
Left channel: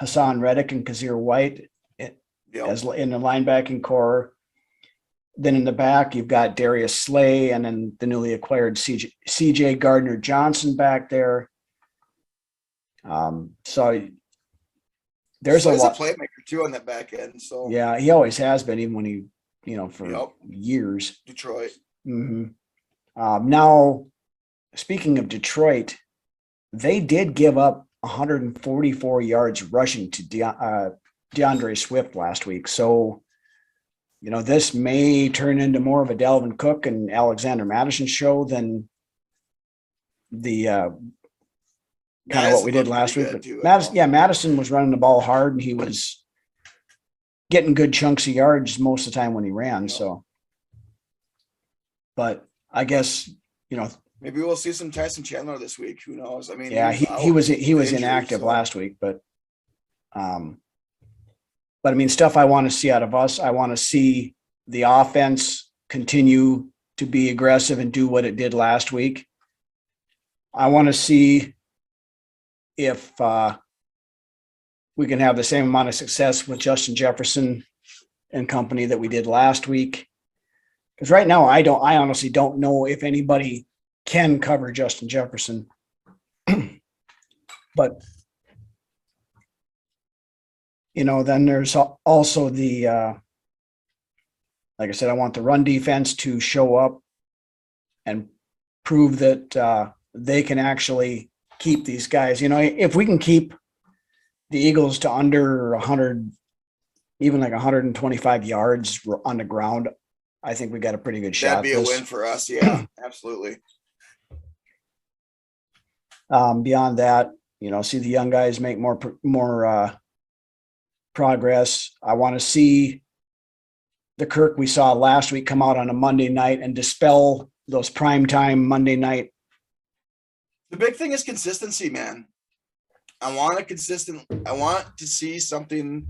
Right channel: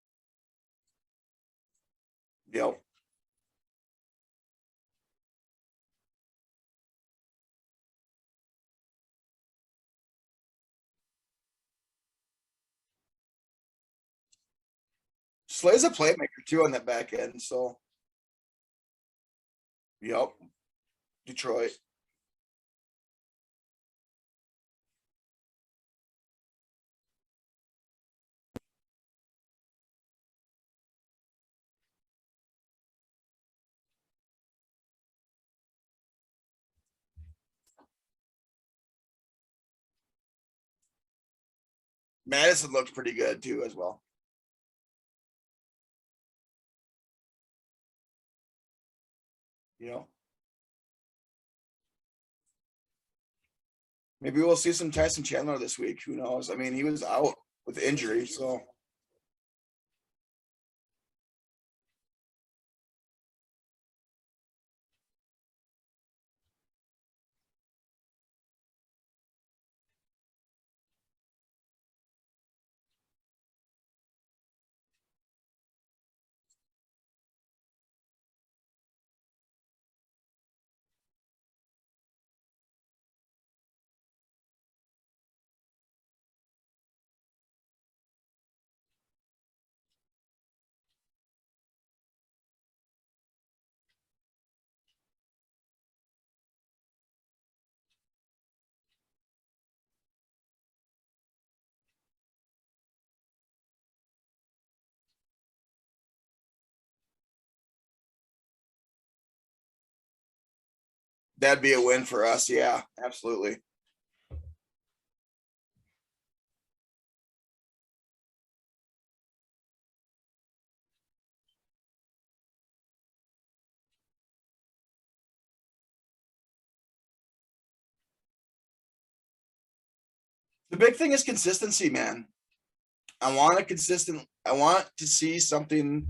Hassan Reddick and Kazir White as in the linebacking core. Then in the back, you've got Darius Slay and then the newly acquired CJ Gardner Johnson back there. So there's Slay's a playmaker too on that back end. So yeah, he always has been, even when he, for years. Detroit. Now, speaking of Detroit, they did give up 144 yards rushing to DeAndre Swift last week. So, this may turn into more of a Dalvin Cook and Alexander Madison show than the what we did last week. Madison was running the ball hard, and he was getting good chunks of yards most of the time when he ran. So, but I guess, maybe we'll see some Tyson Chandler this week. Who knows? I mean, he was inactive last week, but I mean, stuff I want to see out of us. I want to see the offense continue to be aggressive and do what it did last week. I want to see if we can have the same amount of success with Justin Jefferson and company that we did last week. Because right now, I honestly don't know if anybody can cover Justin Jefferson. But then there's also the, like I said, I want the run defense to show up and prove that they can actually keep these guys. If we can keep the Eagles to under 100, even like 125 yards on the ground, I think we got a pretty good shot. That'd be a win for us. Yeah, absolutely. Beyond that, see the young guys make more progress. I want to see the Kirk we saw last week come out on a Monday night and dispel those primetime Monday night. The big thing is consistency, man. I want to see something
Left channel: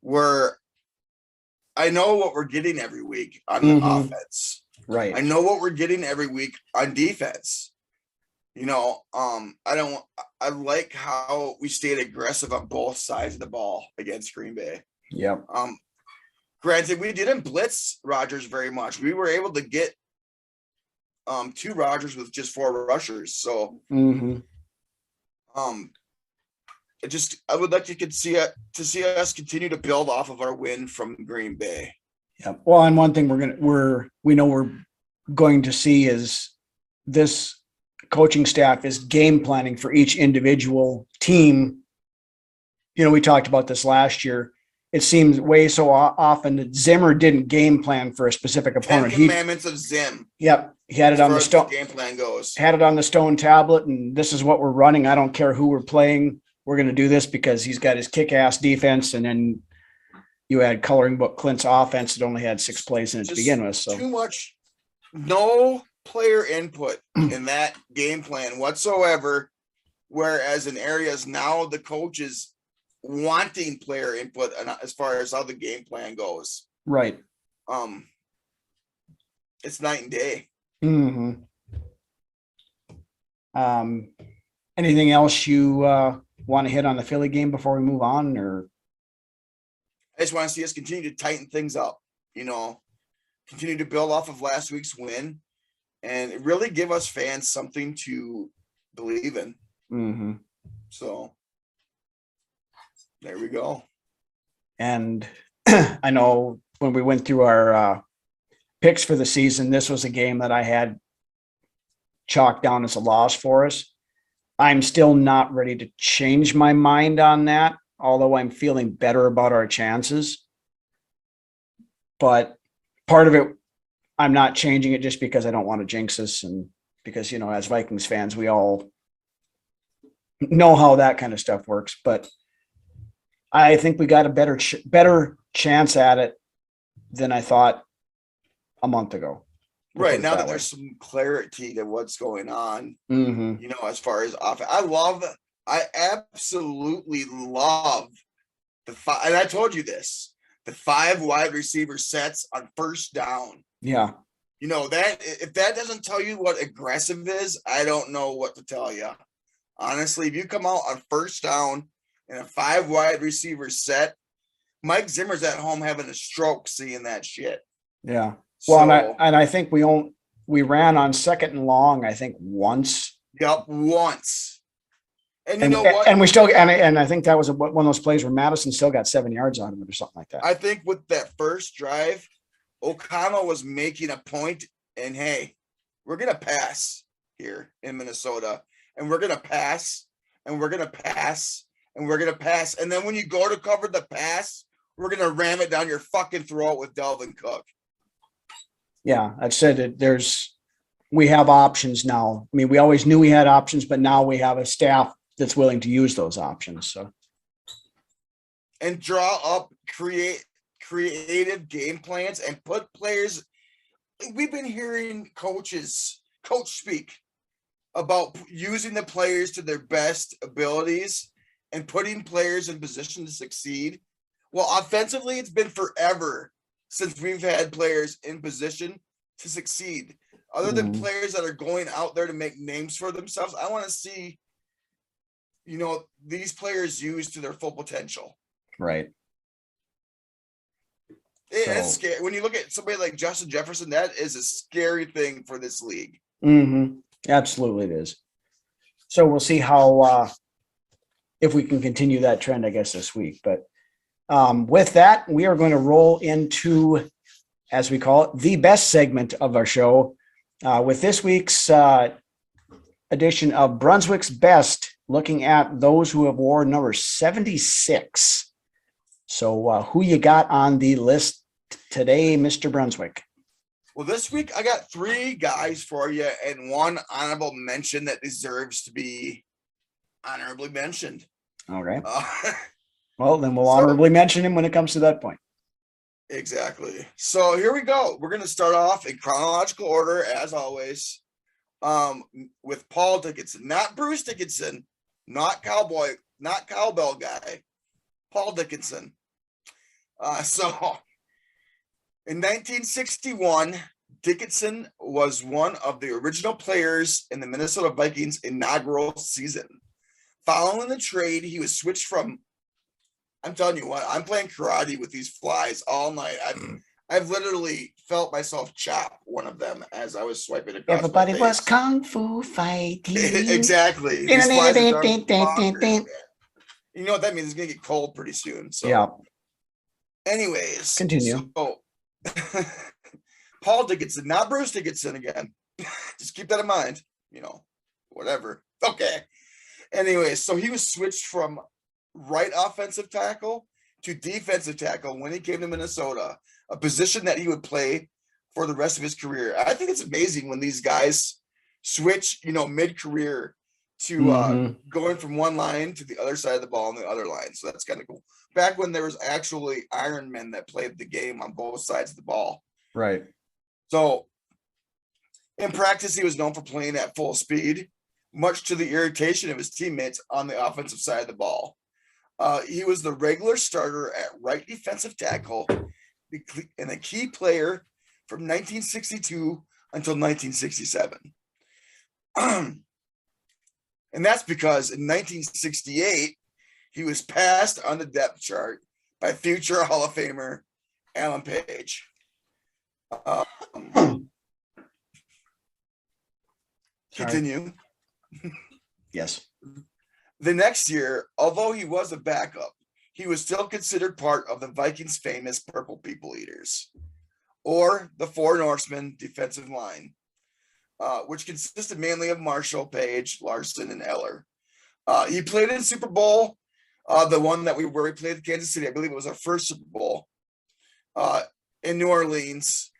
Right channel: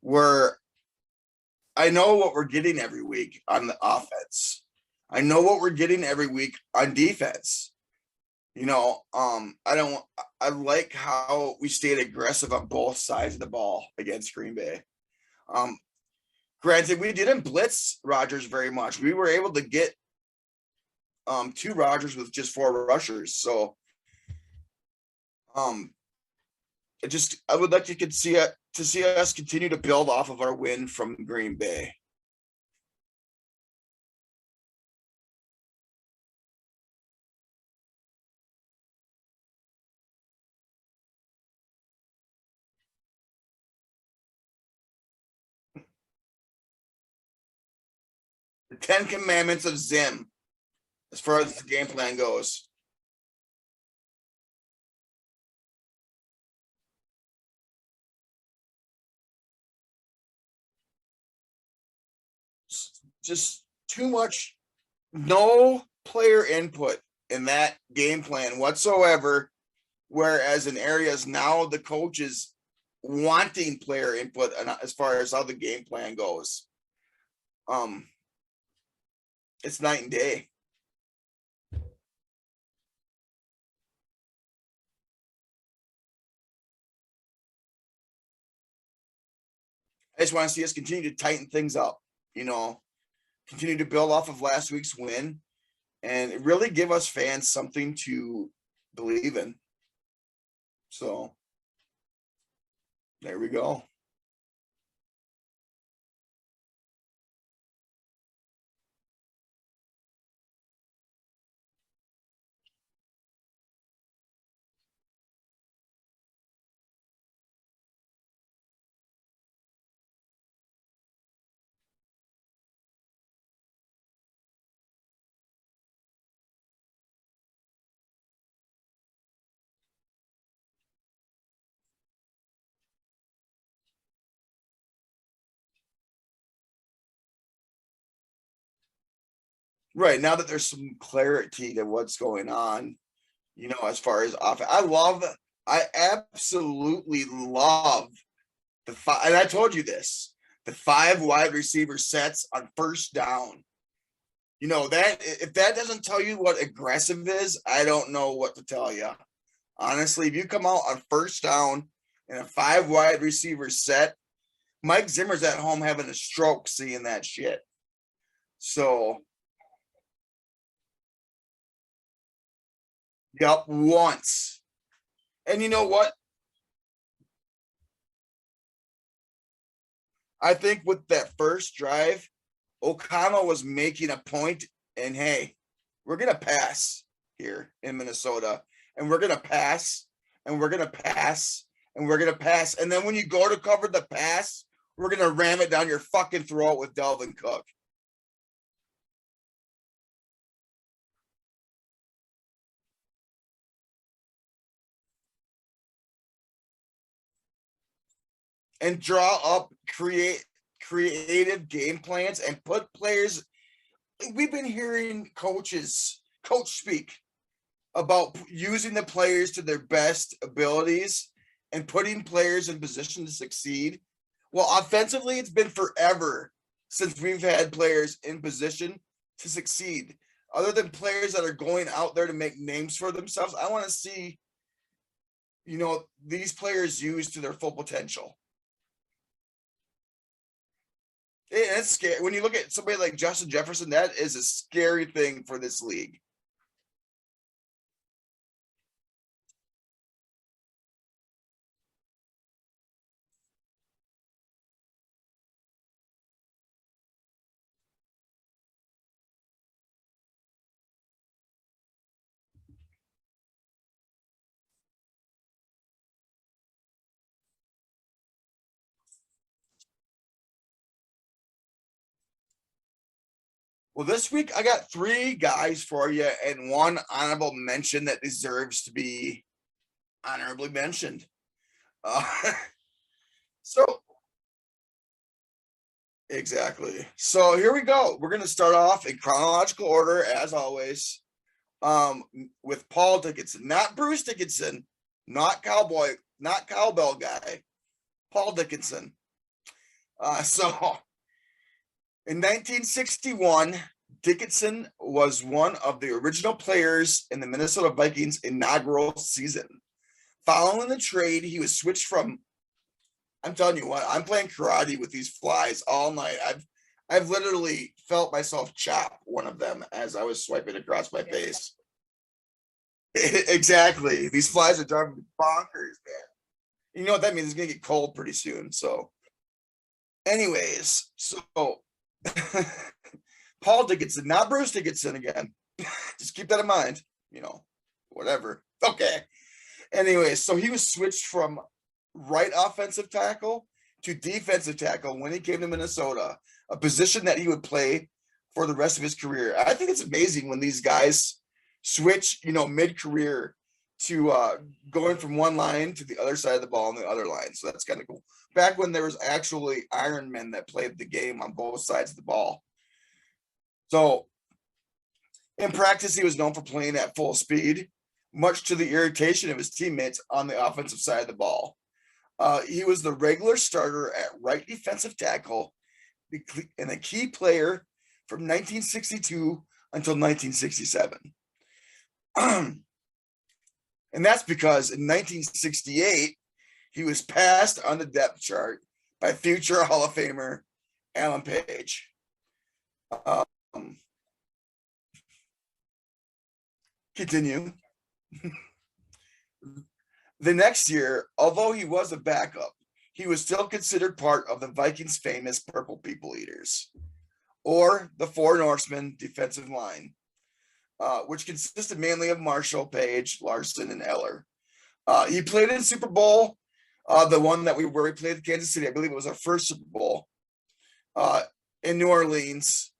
where I know what we're getting every week on the offense. Right. I know what we're getting every week on defense. I like how we stayed aggressive on both sides of the ball against Green Bay. Yep. Granted, we didn't blitz Rodgers very much. We were able to get 2 Rodgers with just 4 rushers. So, I would like to see us continue to build off of our win from Green Bay. Yeah. Well, and one thing we know we're going to see is this coaching staff is game planning for each individual team. We talked about this last year. It seems way so often that Zimmer didn't game plan for a specific opponent. 10 Commandments of Zim. Yep. He had it on the stone game plan goes. Had it on the stone tablet, and this is what we're running. I don't care who we're playing. We're going to do this because he's got his kick-ass defense, and then you had coloring book Clint's offense that only had 6 plays in it to begin with. So too much, no player input in that game plan whatsoever. Whereas in areas now, the coaches wanting player input as far as how the game plan goes. Right. It's night and day. Anything else you want to hit on the Philly game before we move on, or? I just want to see us continue to tighten things up, continue to build off of last week's win and really give us fans something to believe in. So there we go. And I know when we went through our picks for the season, this was a game that I had chalked down as a loss for us. I'm still not ready to change my mind on that, although I'm feeling better about our chances. But part of it, I'm not changing it just because I don't want to jinx us, and because, as Vikings fans, we all know how that kind of stuff works. But I think we got a better chance at it than I thought a month ago. Right now that there's some clarity to what's going on, Mm-hmm. as far as offense, I absolutely love the five. And I told you this, the 5 wide receiver sets on first down. Yeah. That if that doesn't tell you what aggressive is, I don't know what to tell you. Honestly, if you come out on first down in a 5 wide receiver set, Mike Zimmer's at home having a stroke seeing that shit. Yeah. Well, So, and I think we ran on 2nd and long, I think once. Yep, once. And you know what? And we still, and I think that was one of those plays where Madison still got 7 yards on him or something like that. I think with that first drive, O'Connell was making a point, and hey, we're going to pass here in Minnesota, and we're going to pass, and we're going to pass, and we're going to pass. And then when you go to cover the pass, we're going to ram it down your fucking throat with Dalvin Cook. Yeah, I've said that we have options now. I mean, we always knew we had options, but now we have a staff that's willing to use those options. So, and draw up creative game plans and put players. We've been hearing coach speak about using the players to their best abilities and putting players in position to succeed. Well, offensively, it's been forever since we've had players in position to succeed. Other than players that are going out there to make names for themselves, I want to see, these players used to their full potential. right. It's scary. When you look at somebody like Justin Jefferson, that is a scary thing for this league. Mm-hmm. Absolutely it is. So we'll see how, if we can continue that trend, I guess, this week. But with that, we are going to roll into, as we call it, the best segment of our show with this week's edition of Brunswick's Best, looking at those who have worn number 76. So who you got on the list today, Mr. Brunswick? Well, this week I got 3 guys for you and 1 honorable mention that deserves to be honorably mentioned. Okay. Well, then we'll honorably mention him when it comes to that point. Exactly. So here we go. We're going to start off in chronological order, as always, with Paul Dickinson, not Bruce Dickinson, not cowbell guy, Paul Dickinson. So in 1961, Dickinson was one of the original players in the Minnesota Vikings inaugural season. Following the trade, he was switched from, I'm telling you what, I'm playing karate with these flies all night. I've literally felt myself chop one of them as I was swiping across Everybody my was face. kung fu fighting. Exactly. These flies are driving bonkers, man. You know what that means? It's going to get cold pretty soon. So, yeah. Anyways, Continue. So, Paul Dickinson, not Bruce Dickinson again. Just keep that in mind. Whatever. Okay. Anyways, so he was switched from right offensive tackle to defensive tackle when he came to Minnesota, a position that he would play for the rest of his career. I think it's amazing when these guys switch, mid-career to going from one line to the other side of the ball and the other line. So that's kind of cool. Back when there was actually Iron Men that played the game on both sides of the ball. Right. So in practice, he was known for playing at full speed, much to the irritation of his teammates on the offensive side of the ball. He was the regular starter at right defensive tackle and a key player from 1962 until 1967. And that's because in 1968, he was passed on the depth chart by future Hall of Famer Alan Page. Continue. Yes. The next year, although he was a backup, he was still considered part of the Vikings' famous Purple People Eaters, or the Four Norsemen defensive line, which consisted mainly of Marshall, Page, Larson, and Eller. He played in Super Bowl, the one where we played Kansas City. I believe it was our first Super Bowl in New Orleans.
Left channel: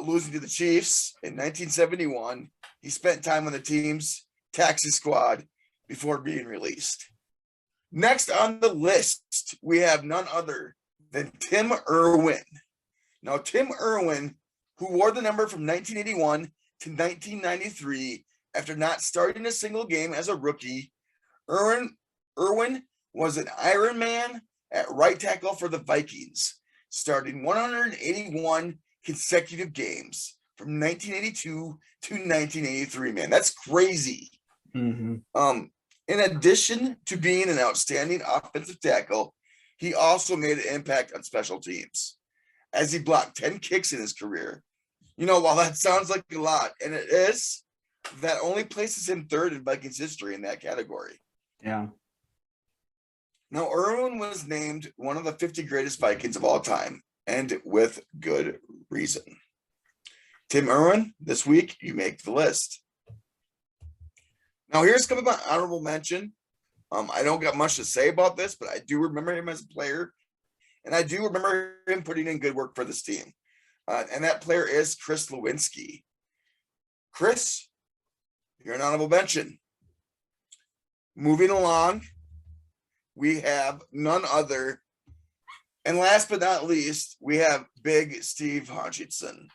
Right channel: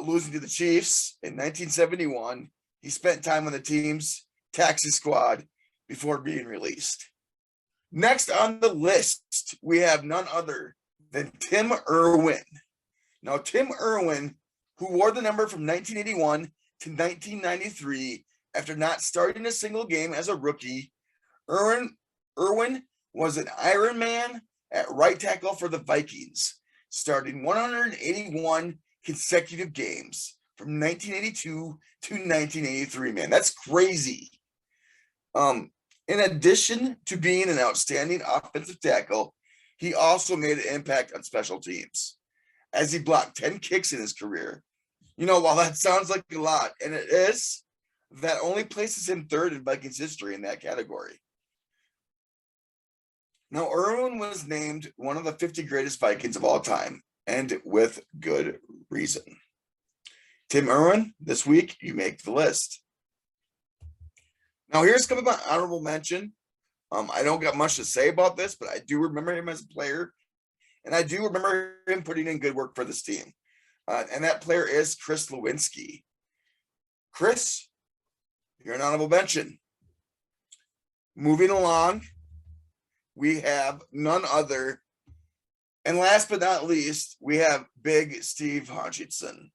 losing to the Chiefs in 1971. He spent time on the team's taxi squad before being released. Next on the list, we have none other than Tim Irwin. Now, Tim Irwin, who wore the number from 1981 to 1993 after not starting a single game as a rookie, Irwin was an Iron Man at right tackle for the Vikings, starting 181 consecutive games from 1982 to 1983. Man, that's crazy. Mm-hmm. In addition to being an outstanding offensive tackle, he also made an impact on special teams as he blocked 10 kicks in his career. You know, while that sounds like a lot, and it is, that only places him third in Vikings history in that category. Yeah. Now, Irwin was named one of the 50 greatest Vikings of all time, and with good reason. Tim Irwin, this week, you make the list. Now, here's coming my honorable mention. I don't got much to say about this, but I do remember him as a player, and I do remember him putting in good work for this team. And that player is Chris Lewinsky. Chris, you're an honorable mention. Moving along, we have none other. And last but not least, we have Big Steve Hutchinson.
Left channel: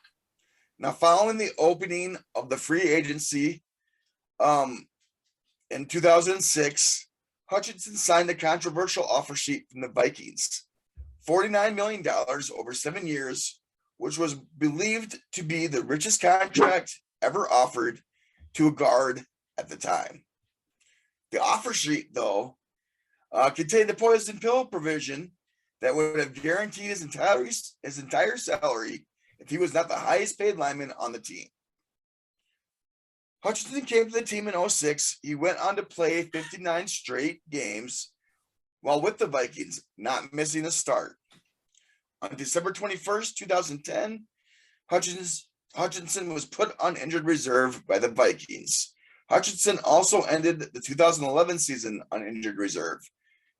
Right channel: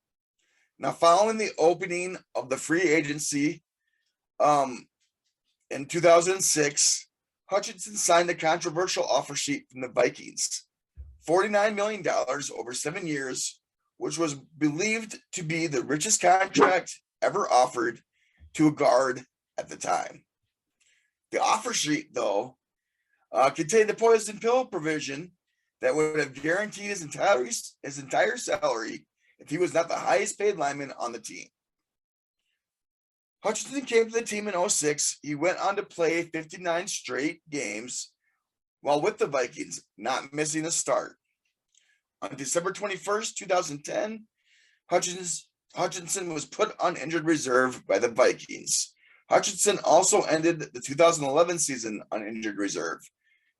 Now, following the opening of the free agency in 2006, Hutchinson signed a controversial offer sheet from the Vikings, $49 million over 7 years, which was believed to be the richest contract ever offered to a guard at the time. The offer sheet, though, contained a poison pill provision that would have guaranteed his entire salary if he was not the highest paid lineman on the team. Hutchinson came to the team in 2006. He went on to play 59 straight games while with the Vikings, not missing a start. On December 21st, 2010, Hutchinson was put on injured reserve by the Vikings. Hutchinson also ended the 2011 season on injured reserve.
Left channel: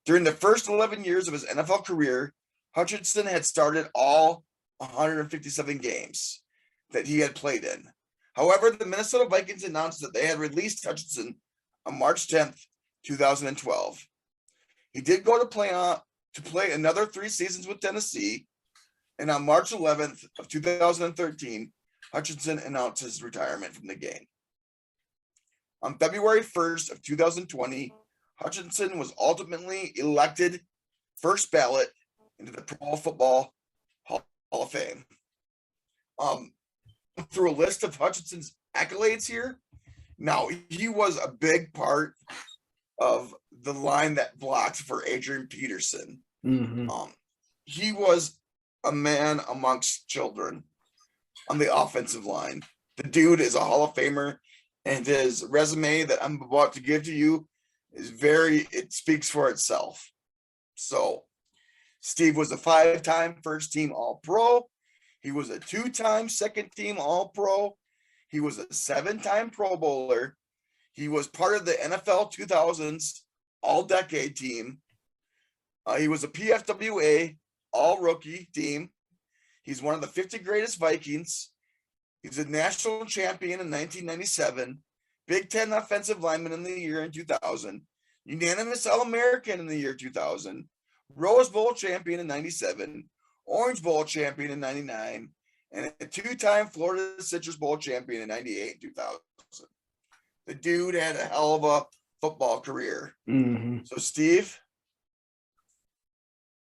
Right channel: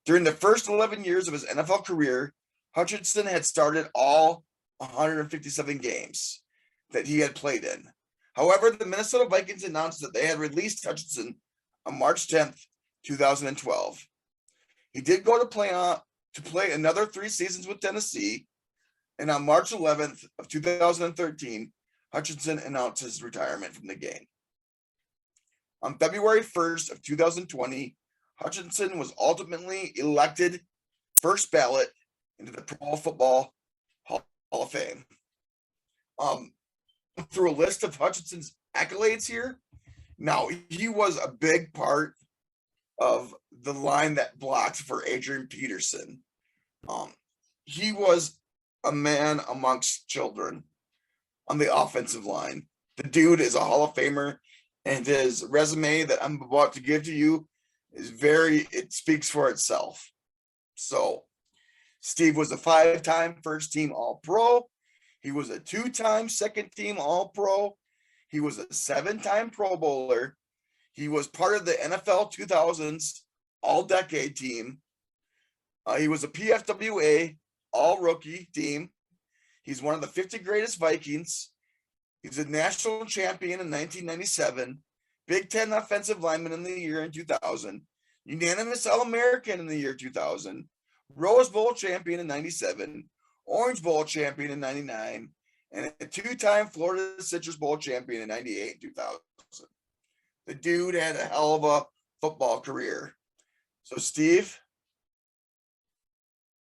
During the first 11 years of his NFL career, Hutchinson had started all 157 games that he had played in. However, the Minnesota Vikings announced that they had released Hutchinson on March 10th, 2012. He did go to play another 3 seasons with Tennessee, and on March 11th of 2013, Hutchinson announced his retirement from the game. On February 1st of 2020, Hutchinson was ultimately elected first ballot into the Pro Football Hall of Fame. Through a list of Hutchinson's accolades here. Now, he was a big part of the line that blocked for Adrian Peterson. Mm-hmm. He was a man amongst children on the offensive line. The dude is a Hall of Famer, and his resume that I'm about to give to you is it speaks for itself. So, Steve was a 5-time first team All-Pro. He was a 2-time second team All-Pro. He was a 7-time Pro Bowler. He was part of the NFL 2000s All-Decade team. He was a PFWA All-Rookie team. He's one of the 50 greatest Vikings. He's a national champion in 1997, Big Ten offensive lineman in the year in 2000, unanimous All-American in the year 2000, Rose Bowl champion in 97, Orange Bowl champion in 99, and a 2-time Florida Citrus Bowl champion in 98 and 2000. The dude had a hell of a football career. Mm-hmm. So, Steve,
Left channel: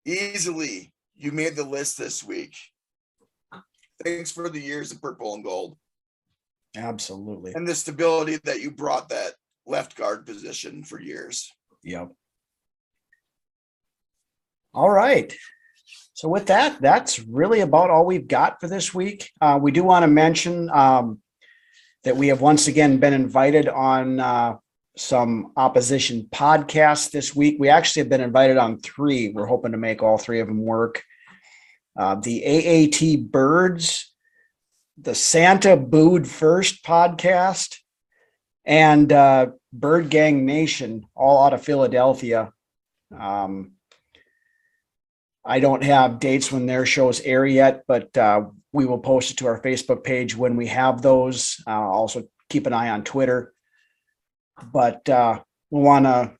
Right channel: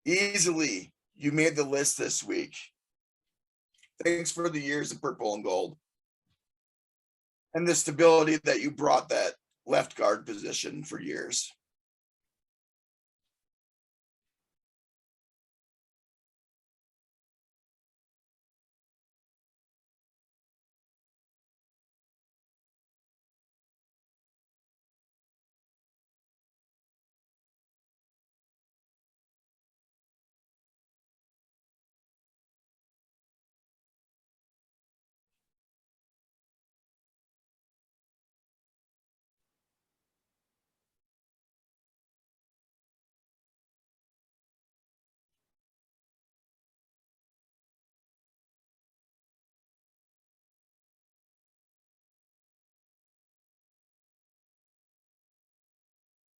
easily you made the list this week. Thanks for the years of purple and gold. Absolutely. And the stability that you brought that left guard position for years. Yep. All right. So with that, that's really about all we've got for this week. We do want to mention that we have once again been invited on some opposition podcasts this week. We actually have been invited on 3. We're hoping to make all 3 of them work. The AAT Birds, the Santa Booed First podcast, and Bird Gang Nation, all out of Philadelphia. I don't have dates when their shows air yet, but We will post it to our Facebook page when we have those. Also keep an eye on Twitter. But we want to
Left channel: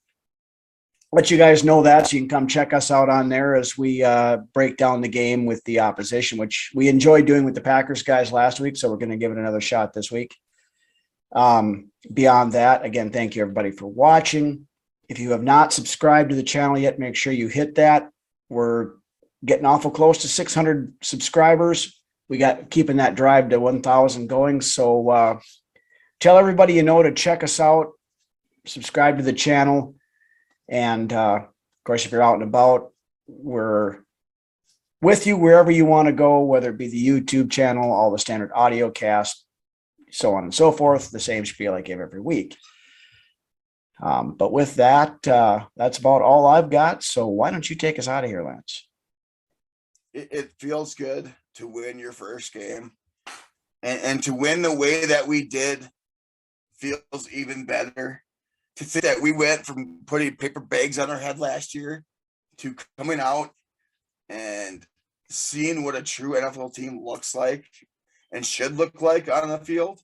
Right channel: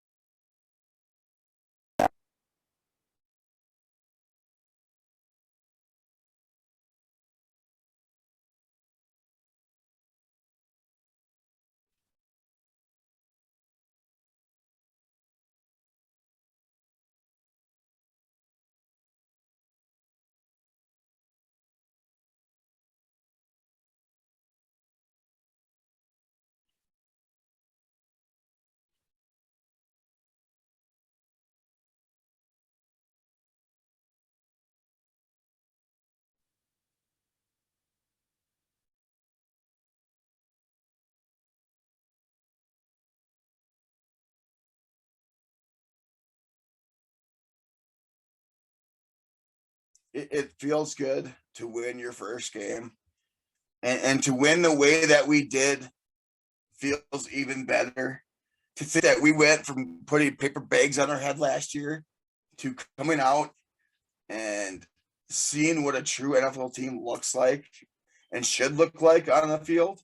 let you guys know that, so you can come check us out on there as we break down the game with the opposition, which we enjoyed doing with the Packers guys last week. So we're going to give it another shot this week. Beyond that, again, thank you everybody for watching. If you have not subscribed to the channel yet, make sure you hit that. We're getting awful close to 600 subscribers. We got keeping that drive to 1,000 going. So tell everybody you know to check us out, subscribe to the channel. And of course, if you're out and about, we're with you wherever you want to go, whether it be the YouTube channel, all the standard audio cast, so on and so forth. The same spiel I give every week. But with that, that's about all I've got. So why don't you take us out of here, Lance? It feels good to win your first game, and to win the way that we did feels even better. To think that we went from putting paper bags on our head last year to coming out and seeing what a true NFL team looks like and should look like on the field.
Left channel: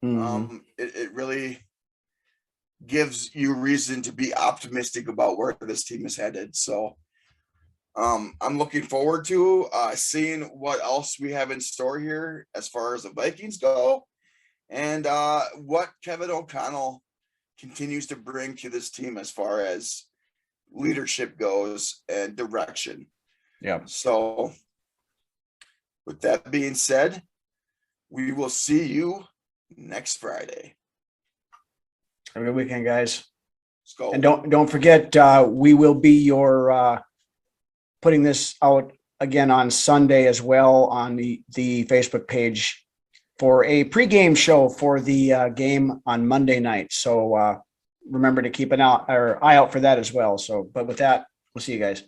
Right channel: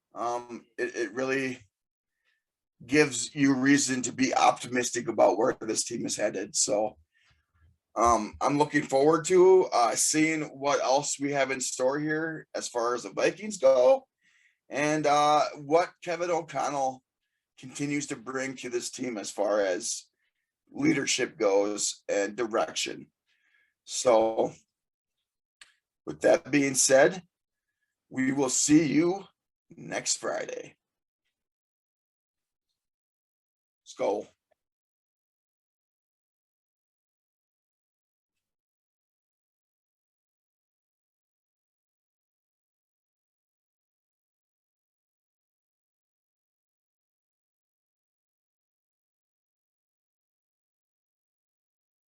It really gives you reason to be optimistic about where this team is headed. So I'm looking forward to seeing what else we have in store here as far as the Vikings go, and what Kevin O'Connell continues to bring to this team as far as leadership goes and direction. Yeah. So with that being said, we will see you next Friday. Have a good weekend, guys. Let's go. And don't forget, we will be your putting this out again on Sunday as well on the Facebook page for a pregame show for the game on Monday night. So remember to keep an eye out for that as well. So, but with that, we'll see you guys.